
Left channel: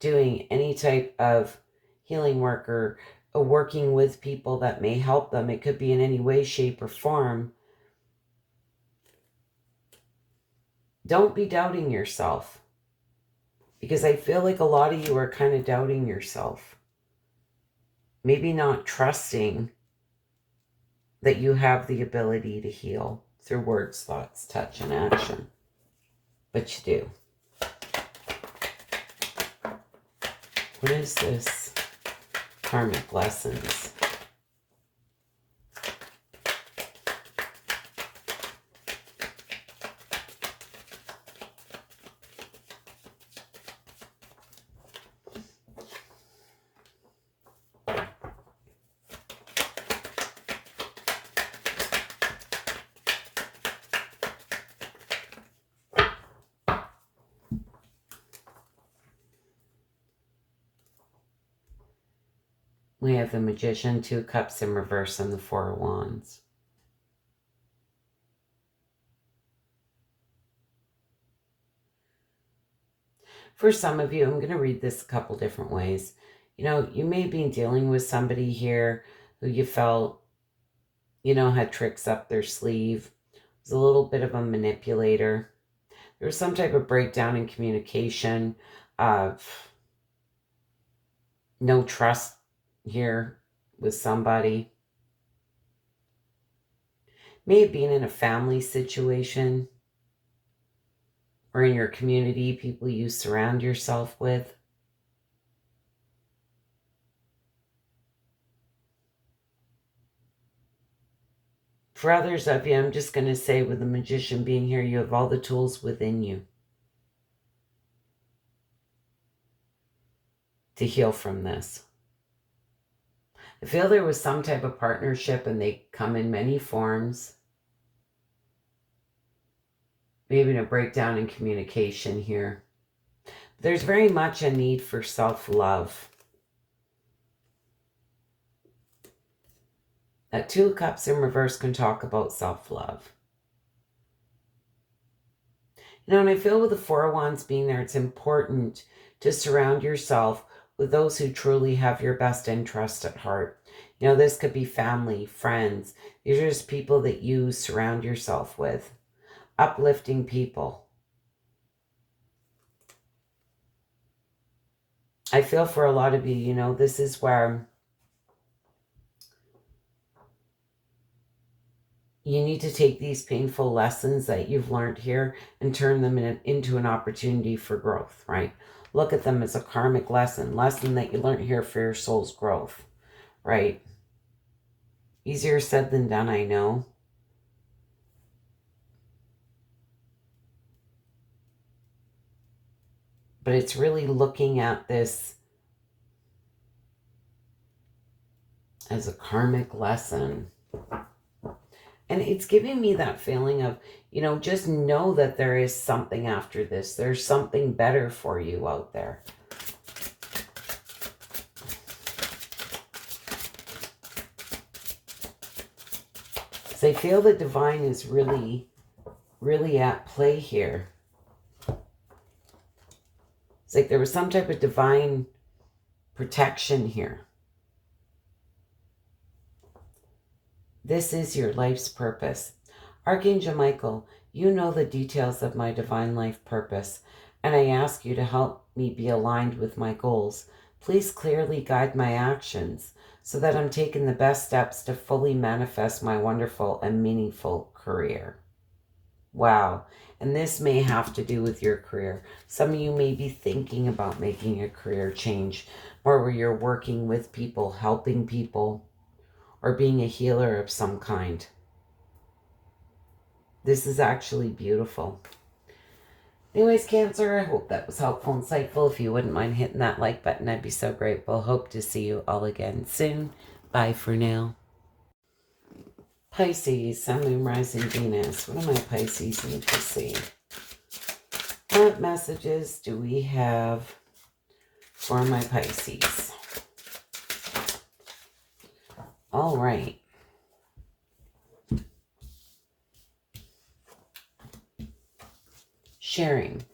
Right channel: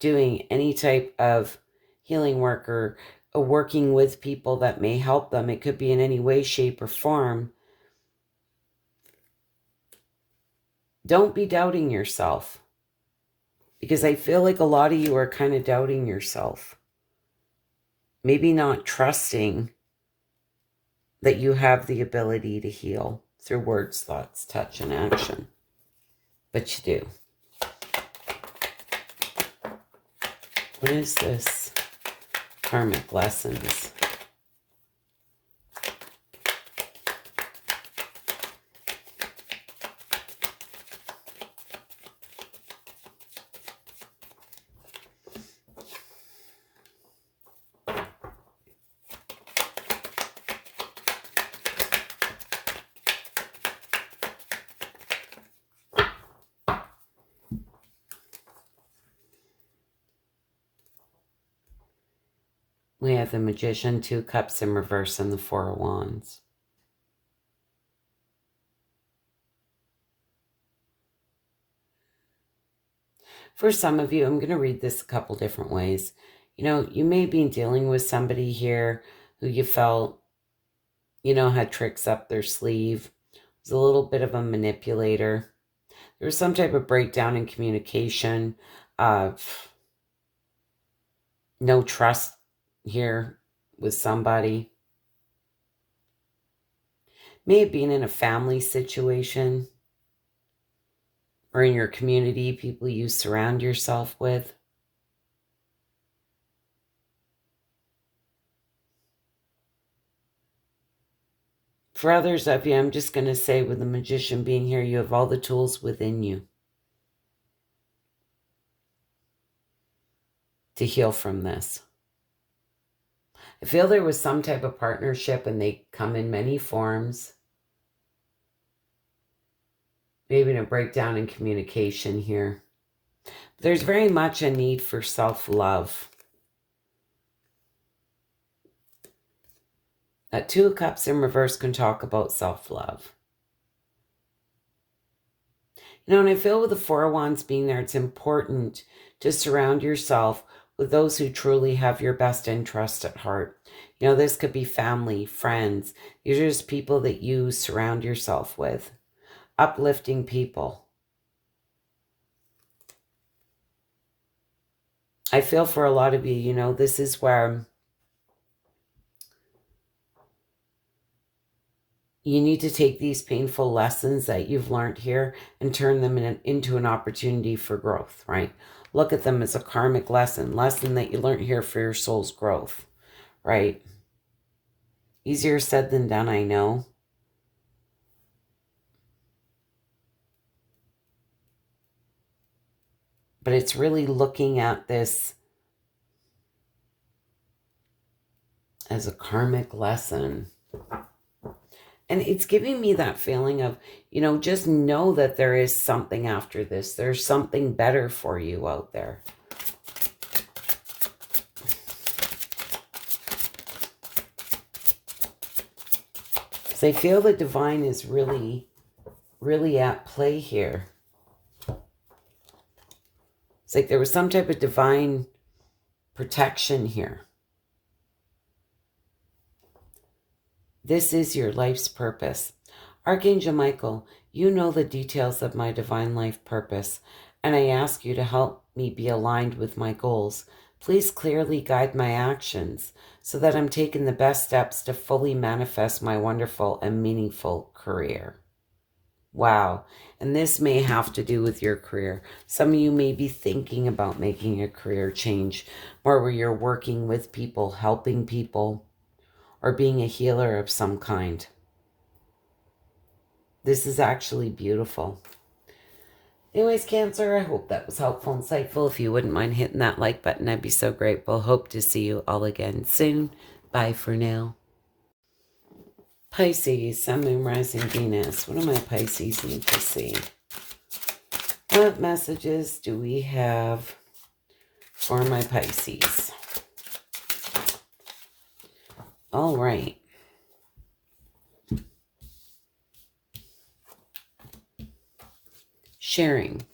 doing any type of healing work or working with people that may help them, it could be in any way, shape, or form. Don't be doubting yourself, because I feel like a lot of you are kind of doubting yourself. Maybe not trusting that you have the ability to heal through words, thoughts, touch, and action. But you do. What is this? Karmic lessons. We have the Magician, 2 Cups in reverse, and the 4 of Wands. For some of you, I'm going to read this a couple different ways. You know, you may be dealing with somebody here who you felt, you know, had tricks up their sleeve, was a little bit of a manipulator. There was some type of breakdown in communication, no trust here with somebody. May have been in a family situation or in your community, people you surround yourself with. For others of you, I'm just going to say, with the Magician being here, you have all the tools within you to heal from this. I feel there was some type of partnership, and they come in many forms. Maybe a breakdown in communication here. There's very much a need for self-love. That 2 of Cups in reverse can talk about self-love. You know, and I feel with the 4 of Wands being there, it's important to surround yourself with those who truly have your best interest at heart. You know, this could be family, friends. These are just people that you surround yourself with. Uplifting people. I feel for a lot of you, you know, this is where you need to take these painful lessons that you've learned here and turn them into an opportunity for growth, right? Look at them as a karmic lesson that you learned here for your soul's growth, right? Easier said than done, I know. But it's really looking at this as a karmic lesson. And it's giving me that feeling of, you know, just know that there is something after this. There's something better for you out there. So I feel the divine is really, really at play here. It's like there was some type of divine protection here. This is your life's purpose. Archangel Michael, you know the details of my divine life purpose, and I ask you to help me be aligned with my goals. Please clearly guide my actions so that I'm taking the best steps to fully manifest my wonderful and meaningful career. Wow. And this may have to do with your career. Some of you may be thinking about making a career change, or where you're working with people, helping people, or being a healer of some kind. This is actually beautiful. Anyways, Cancer, I hope that was helpful and insightful. If you wouldn't mind hitting that like button, I'd be so grateful. Hope to see you all again soon. Bye for now. Pisces, Sun, Moon, Rising, Venus. What do my Pisces need to see? What messages do we have for my Pisces? All right. Sharing.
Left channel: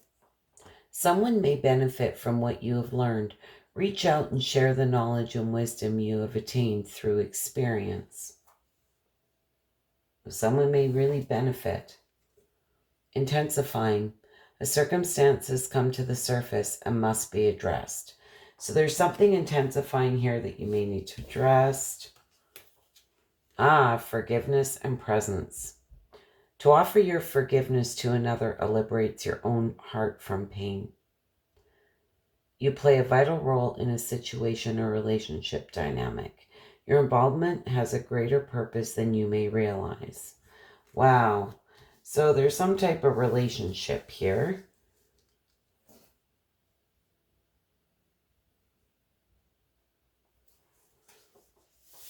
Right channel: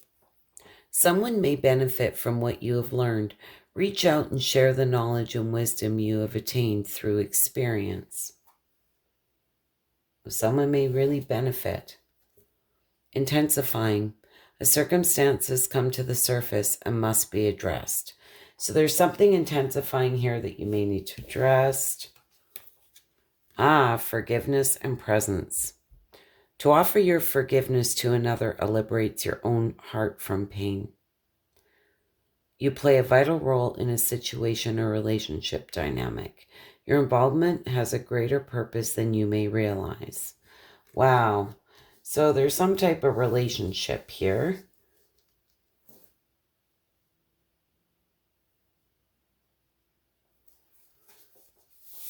Someone may benefit from what you have learned. Reach out and share the knowledge and wisdom you have attained through experience. Someone may really benefit. Intensifying. A circumstance has come to the surface and must be addressed. So there's something intensifying here that you may need to address. Forgiveness and presence. To offer your forgiveness to another liberates your own heart from pain. You play a vital role in a situation or relationship dynamic. Your involvement has a greater purpose than you may realize. Wow. So there's some type of relationship here.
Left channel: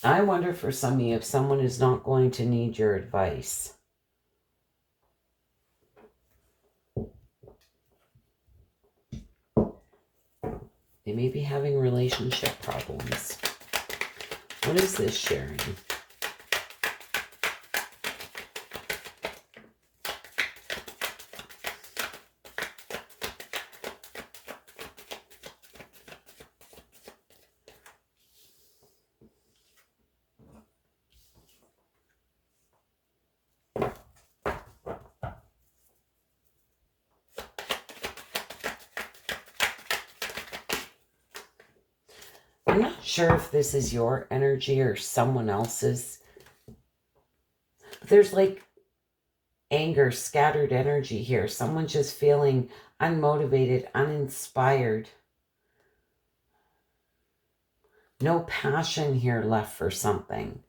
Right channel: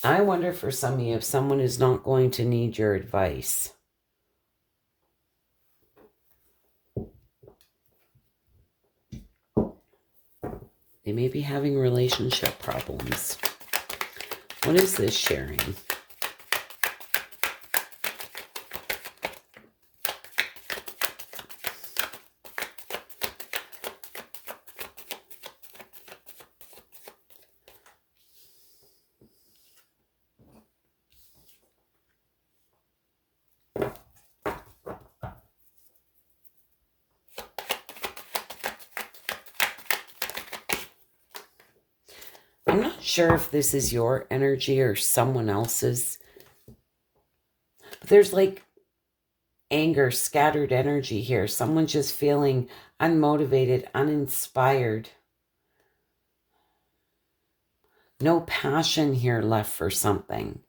I wonder for some of you if someone is not going to need your advice. They may be having relationship problems. What is this sharing? I'm not sure if this is your energy or someone else's. But there's like anger, scattered energy here. Someone just feeling unmotivated, uninspired. No passion here left for something.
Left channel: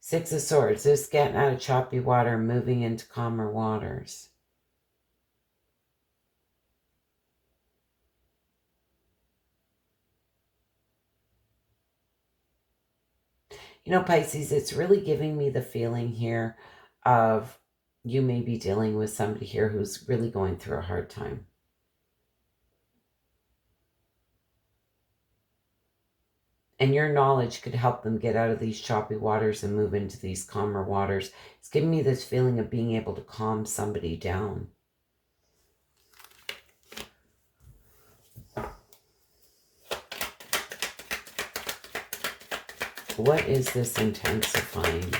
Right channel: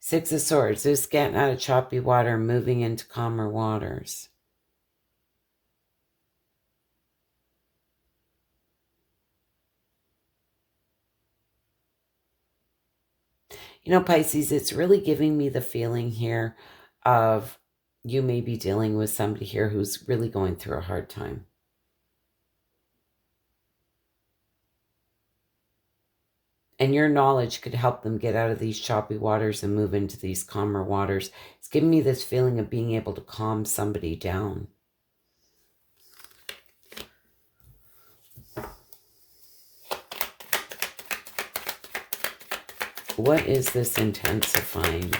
Six of Swords. This getting out of choppy water, moving into calmer waters. You know, Pisces, it's really giving me the feeling here of you may be dealing with somebody here who's really going through a hard time. And your knowledge could help them get out of these choppy waters and move into these calmer waters. It's giving me this feeling of being able to calm somebody down. What is this intensifying?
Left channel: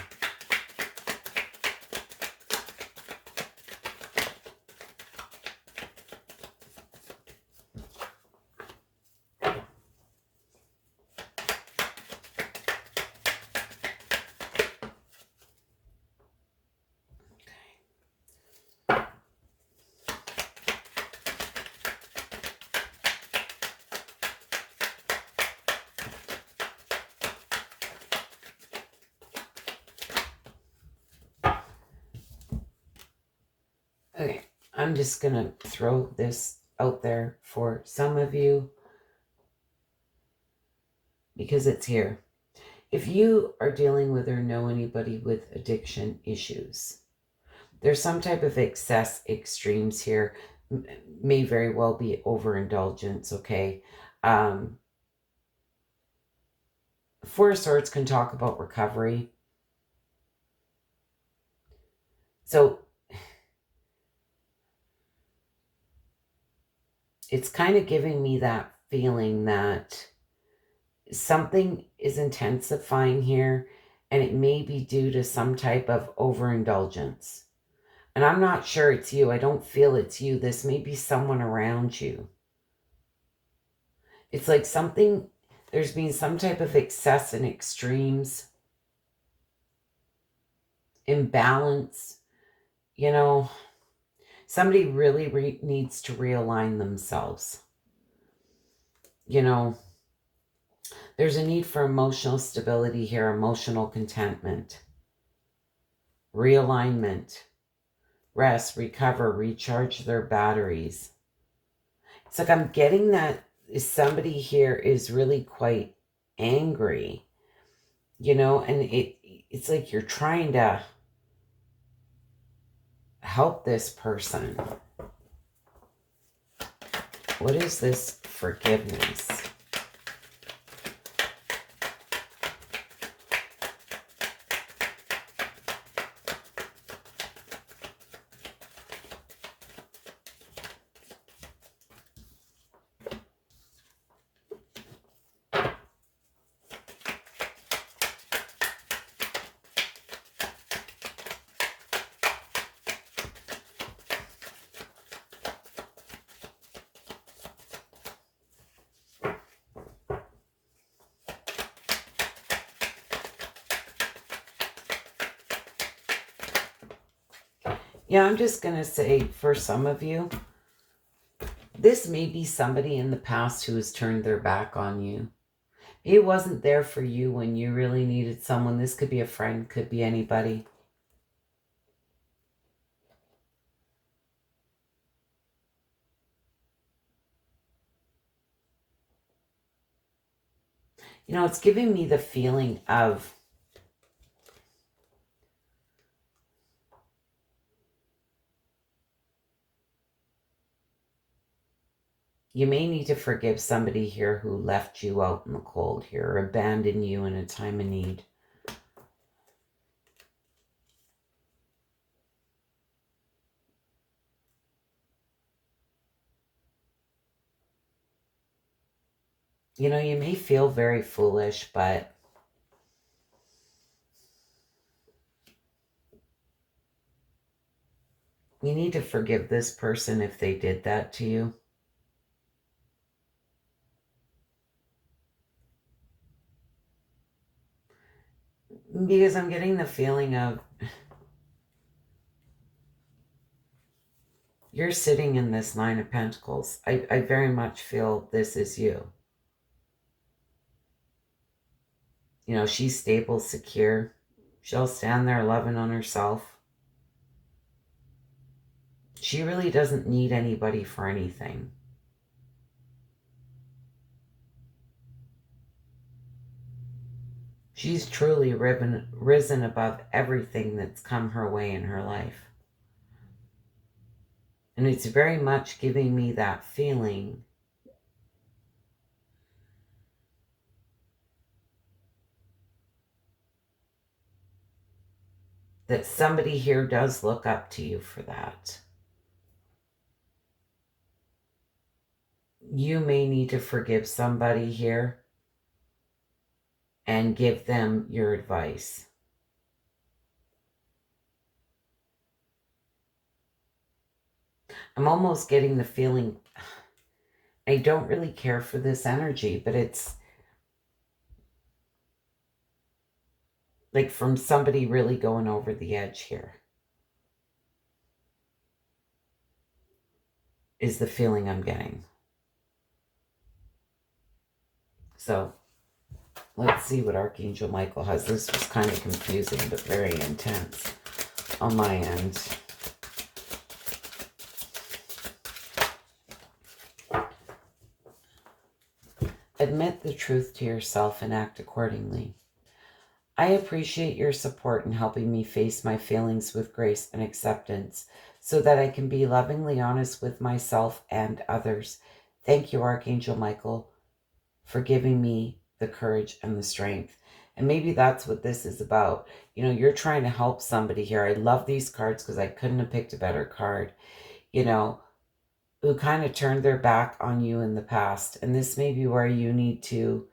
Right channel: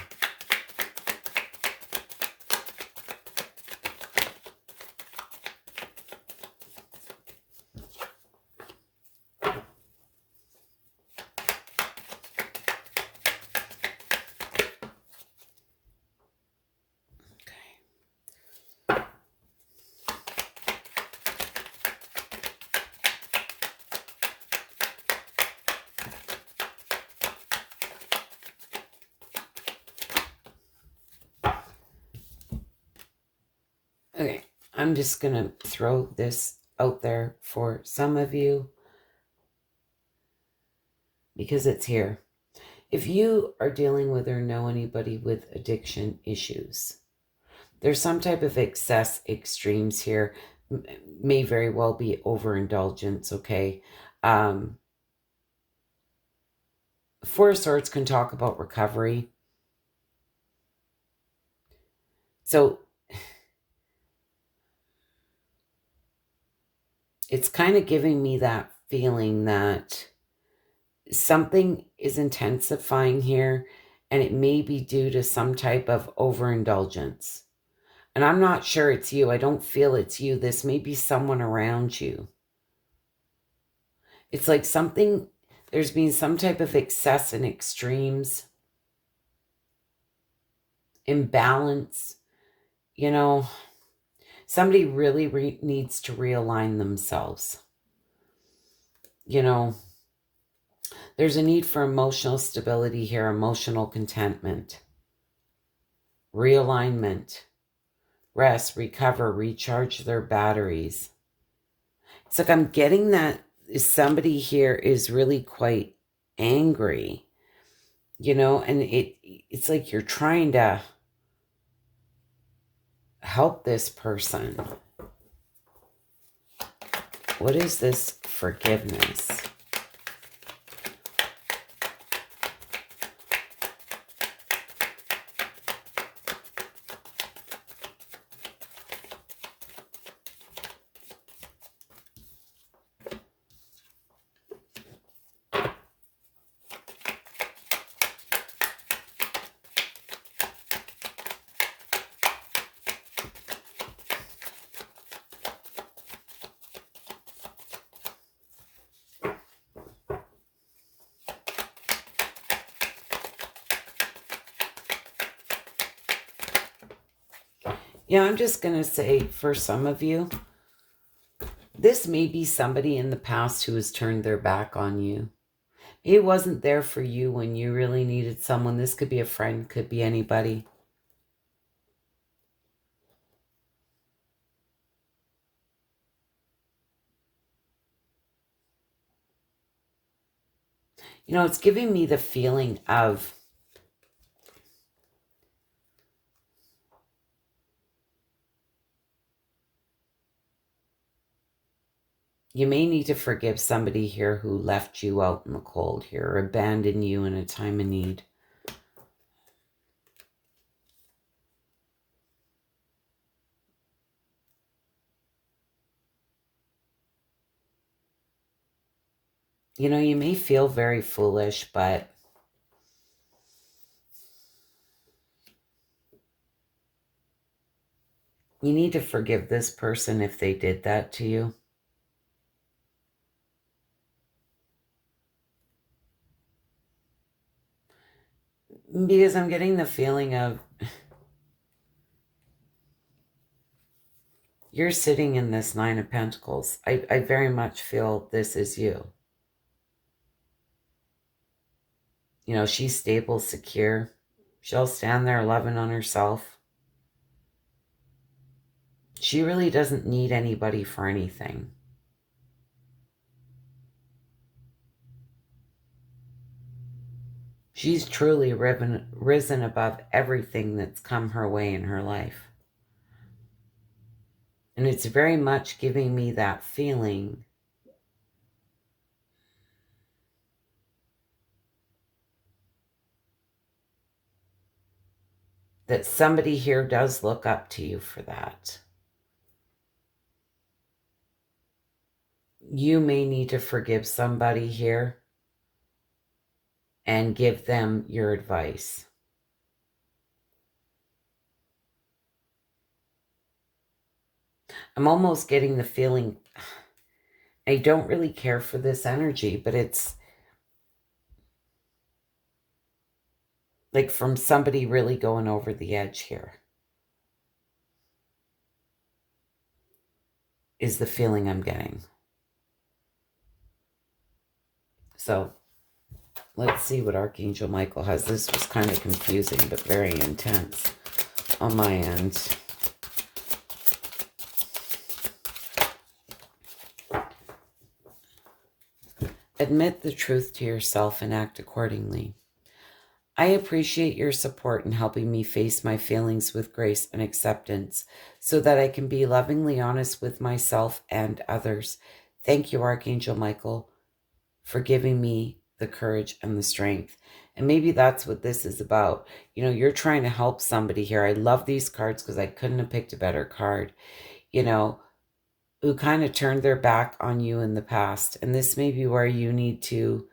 Okay, I'm just going to throw this out there for some of you because it's here. If you are dealing with or know anybody with addiction issues, there's some type of excess extremes here. May very well be overindulgence, okay? Four of Swords can talk about recovery. So it's kind of giving me that feeling that something is intensifying here, and it may be due to some type of overindulgence. And I'm not sure it's you. I don't feel it's you. This may be someone around you. It's like something, there's been some type of excess and extremes, imbalance. You know, somebody really needs to realign themselves. You know, There's a need for emotional stability here, emotional contentment, realignment, rest, recover, recharge their batteries. It's like I'm getting that somebody here is really quite angry, you know, and it's like you're trying to help this person. What is this forgiveness? Yeah, I'm just going to say for some of you, this may be somebody in the past who has turned their back on you. It wasn't there for you when you really needed someone. This could be a friend, could be anybody. You know, it's giving me the feeling of you may need to forgive somebody here who left you out in the cold here, or abandoned you in a time of need. You know, you may feel very foolish, but you need to forgive this person if they did that to you. Because I'm getting the feeling of you're sitting in this Nine of Pentacles. I very much feel this is you. You know, she's stable, secure. She'll stand there loving on herself. She really doesn't need anybody for anything. She's truly risen above everything that's come her way in her life. And it's very much giving me that feeling that somebody here does look up to you for that. You may need to forgive somebody here and give them your advice. I'm almost getting the feeling I don't really care for this energy, but it's like from somebody really going over the edge here is the feeling I'm getting. So let's see what Archangel Michael has. This was kind of confusing, but very intense on my end. Admit the truth to yourself and act accordingly. I appreciate your support in helping me face my feelings with grace and acceptance so that I can be lovingly honest with myself and others. Thank you, Archangel Michael, for giving me the courage and the strength. And maybe that's what this is about. You know, you're trying to help somebody here. I love these cards because I couldn't have picked a better card. You know, who kind of turned their back on you in the past. And this may be where you need to,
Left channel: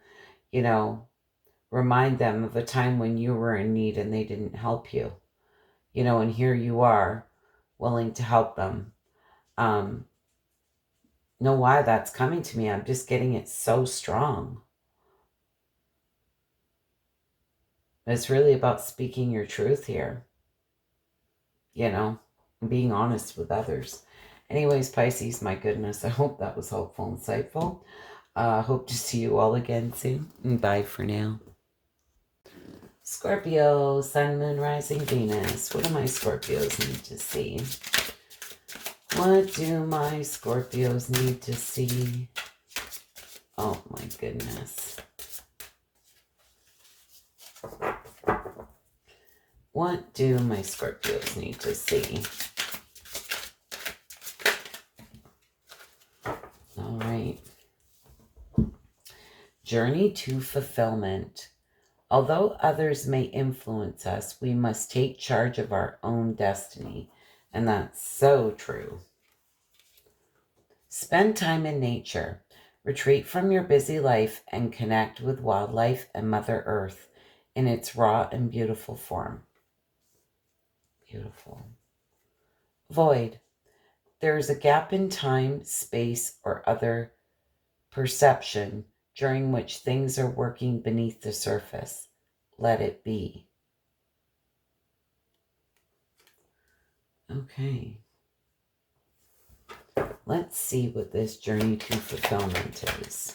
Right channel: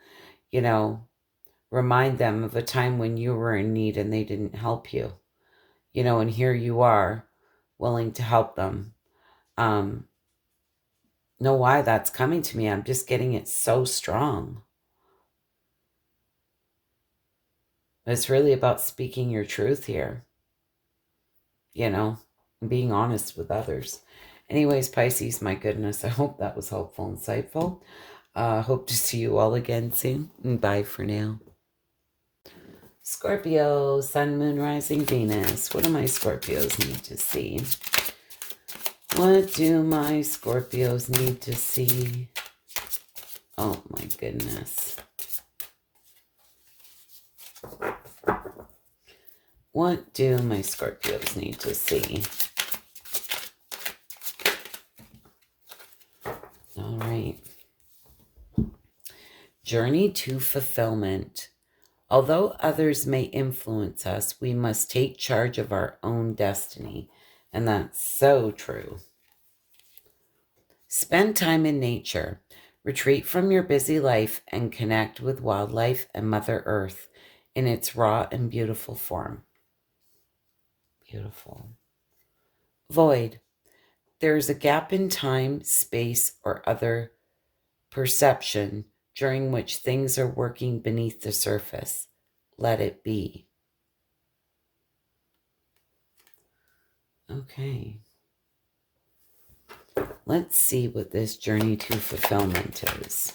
you know, remind them of a time when you were in need and they didn't help you. You know, and here you are willing to help them. Know why that's coming to me. I'm just getting it so strong. It's really about speaking your truth here. You know, being honest with others. Anyways, Pisces, my goodness, I hope that was helpful, insightful. Hope to see you all again soon. Bye for now. Scorpio, Sun, Moon, Rising, Venus. What do my Scorpios need to see? What do my Scorpios need to see? Oh my goodness. What do my Scorpios need to see? All right. Journey to fulfillment. Although others may influence us, we must take charge of our own destiny. And that's so true. Spend time in nature. Retreat from your busy life and connect with wildlife and Mother Earth in its raw and beautiful form. Beautiful. Void. There is a gap in time, space, or other perception during which things are working beneath the surface. Let it be. Okay. Let's see what this journey to fulfillment is.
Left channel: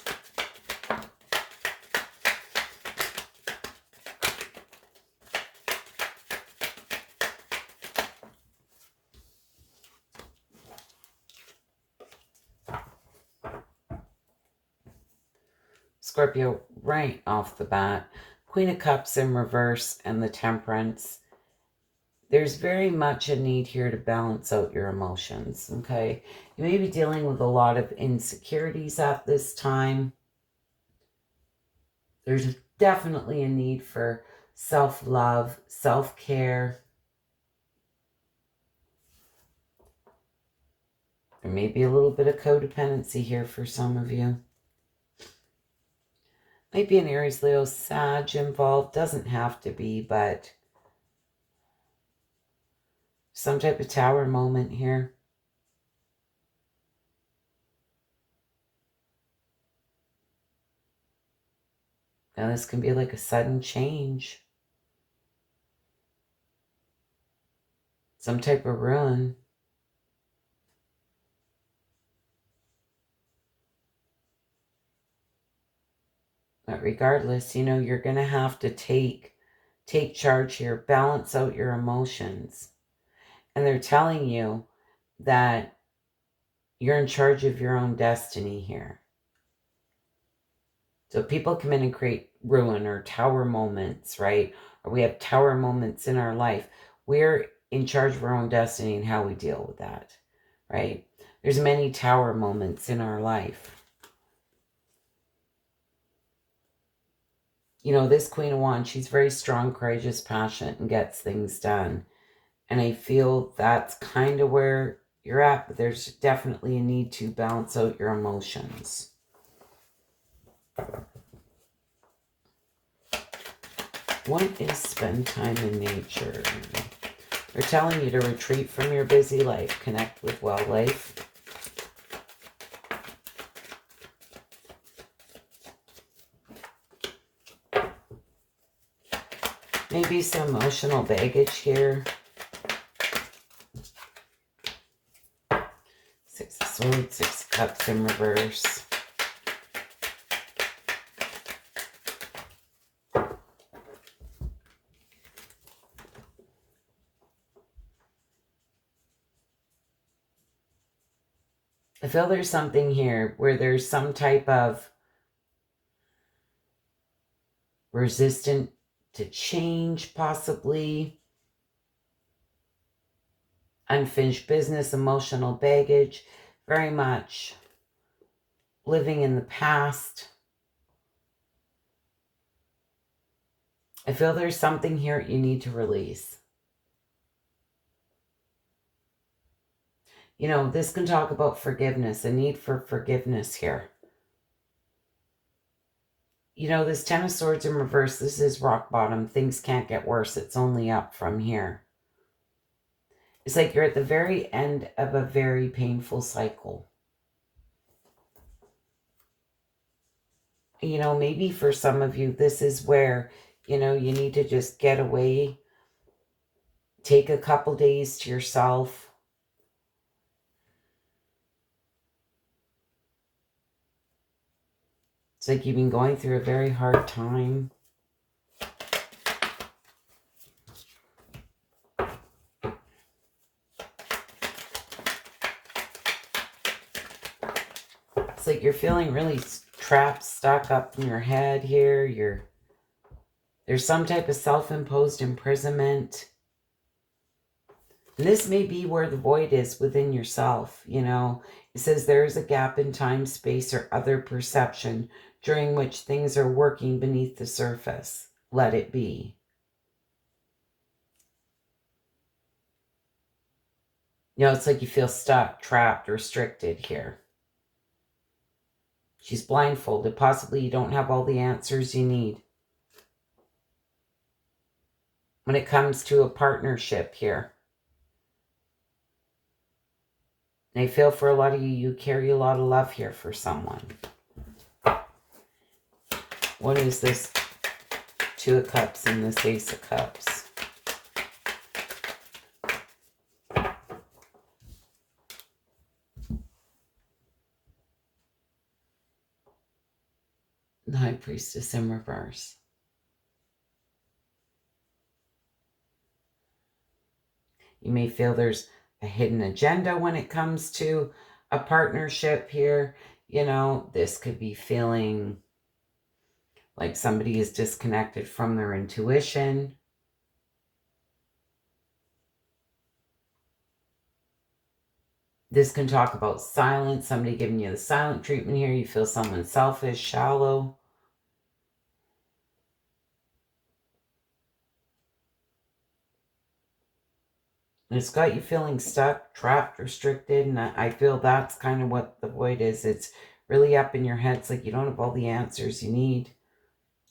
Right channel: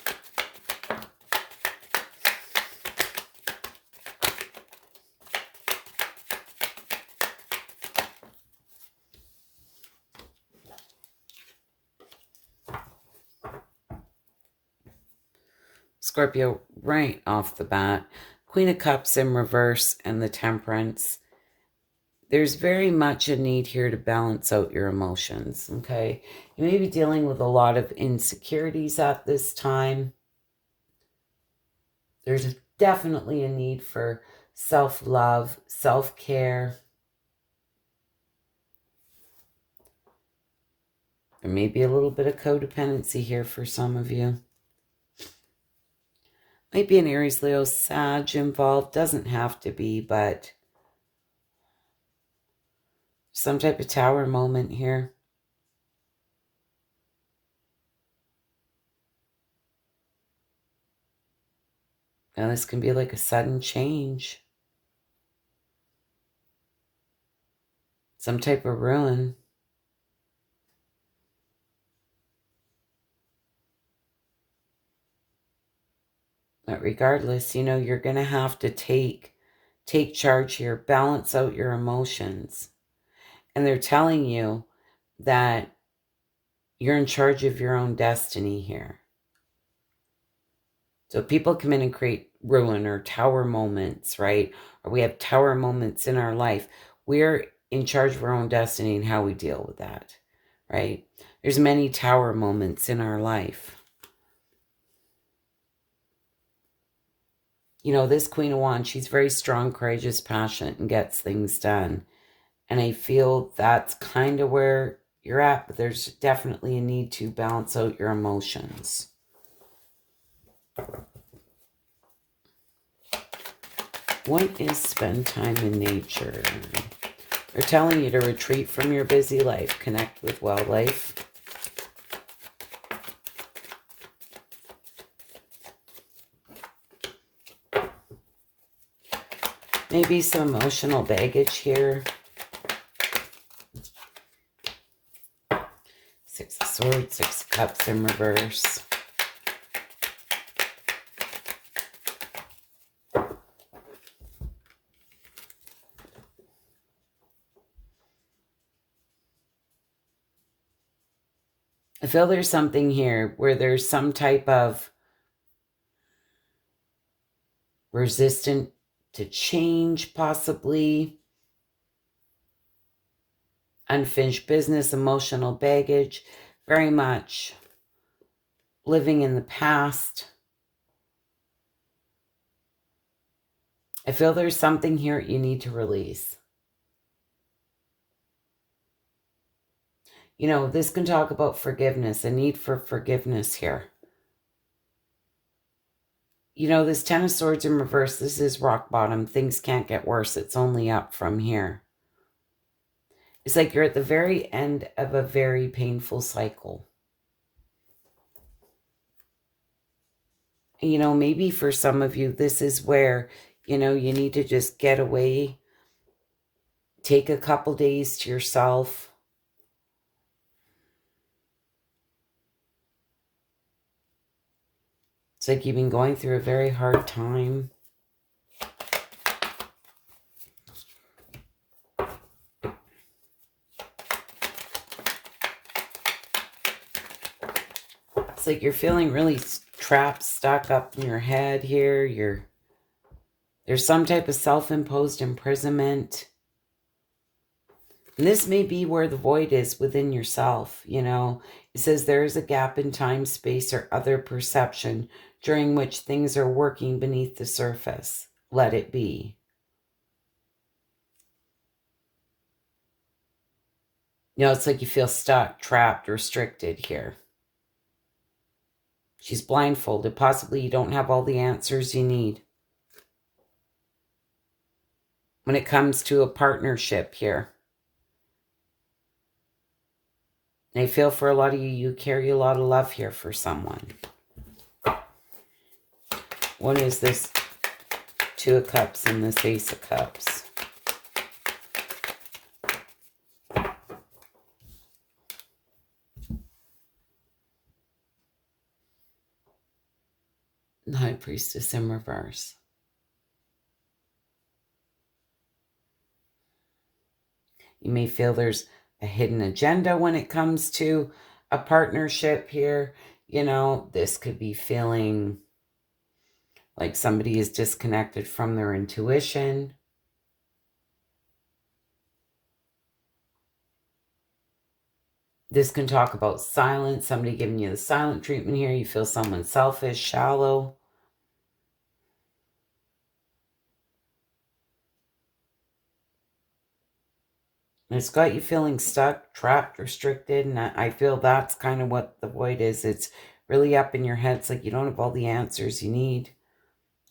Scorpio, right off the bat, Queen of Cups in reverse and the Temperance. There's very much a need here to balance out your emotions, okay? You may be dealing with a lot of insecurities at this time. There's definitely a need for self-love, self-care. There may be a little bit of codependency here for some of you. Might be an Aries, Leo, Sag involved. Doesn't have to be, but some type of tower moment here. Now this can be like a sudden change. Some type of ruin. But regardless, you know, you're going to have to take charge here, balance out your emotions. And they're telling you that you're in charge of your own destiny here. So people come in and create ruin or tower moments, right? Or we have tower moments in our life. We're in charge of our own destiny and how we deal with that, right? There's many tower moments in our life. You know, this Queen of Wands, she's very strong, courageous, passionate, and gets things done. And I feel that's kind of where you're at, but there's definitely a need to balance out your emotions. What is spend time in nature? They're telling you to retreat from your busy life, connect with wildlife. Maybe some emotional baggage here. Six of Swords, Six of Cups in reverse. I feel there's something here where there's some type of resistant to change, possibly. Unfinished business, emotional baggage, very much living in the past. I feel there's something here you need to release. You know, this can talk about forgiveness, a need for forgiveness here. You know, this Ten of Swords in reverse, this is rock bottom. Things can't get worse. It's only up from here. It's like you're at the very end of a very painful cycle. You know, maybe for some of you, this is where, you know, you need to just get away. Take a couple days to yourself. It's like you've been going through a very hard time. It's like you're feeling really trapped, stuck up in your head here. There's some type of self-imposed imprisonment. And this may be where the void is within yourself, you know. It says there is a gap in time, space, or other perception during which things are working beneath the surface. Let it be. You know, it's like you feel stuck, trapped, restricted here. She's blindfolded. Possibly you don't have all the answers you need. When it comes to a partnership here. And I feel for a lot of you, you carry a lot of love here for someone. What is this Two of Cups and this Ace of Cups? The High Priestess in reverse. You may feel there's a hidden agenda when it comes to a partnership here. You know, this could be feeling like somebody is disconnected from their intuition. This can talk about silence, somebody giving you the silent treatment here. You feel someone selfish, shallow. It's got you feeling stuck, trapped, restricted, and I feel that's kind of what the void is. It's really up in your head. It's like you don't have all the answers you need.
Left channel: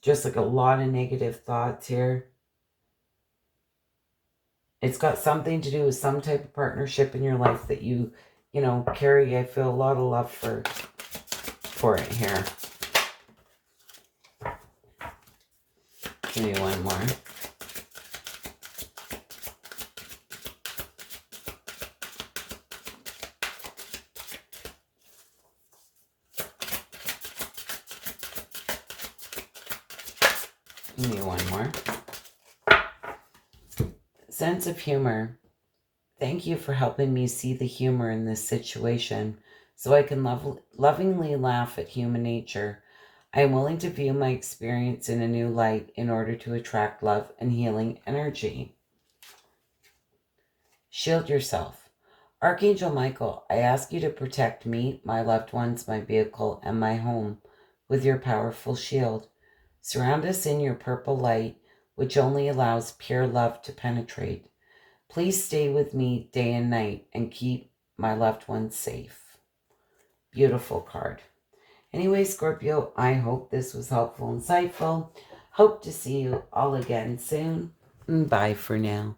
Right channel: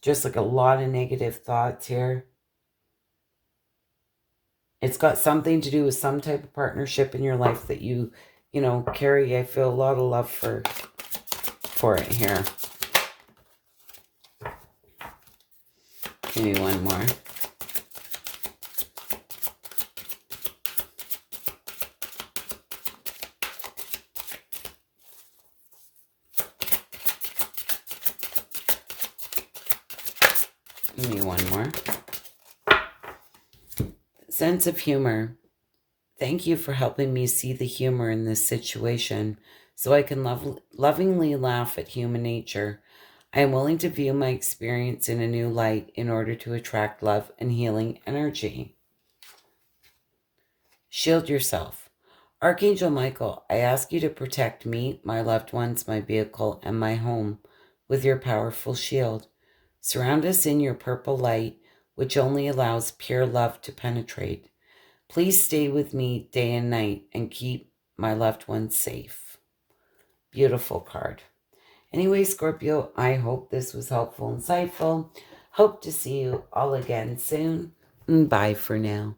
Just like a lot of negative thoughts here. It's got something to do with some type of partnership in your life that you know, carry. I feel a lot of love for it here. Give me one more. Give me one more. Sense of humor. Thank you for helping me see the humor in this situation so I can lovingly laugh at human nature. I am willing to view my experience in a new light in order to attract love and healing energy. Shield yourself. Archangel Michael, I ask you to protect me, my loved ones, my vehicle, and my home with your powerful shield. Surround us in your purple light, which only allows pure love to penetrate. Please stay with me day and night and keep my loved ones safe. Beautiful card. Anyway, Scorpio, I hope this was helpful, insightful. Hope to see you all again soon. Bye for now.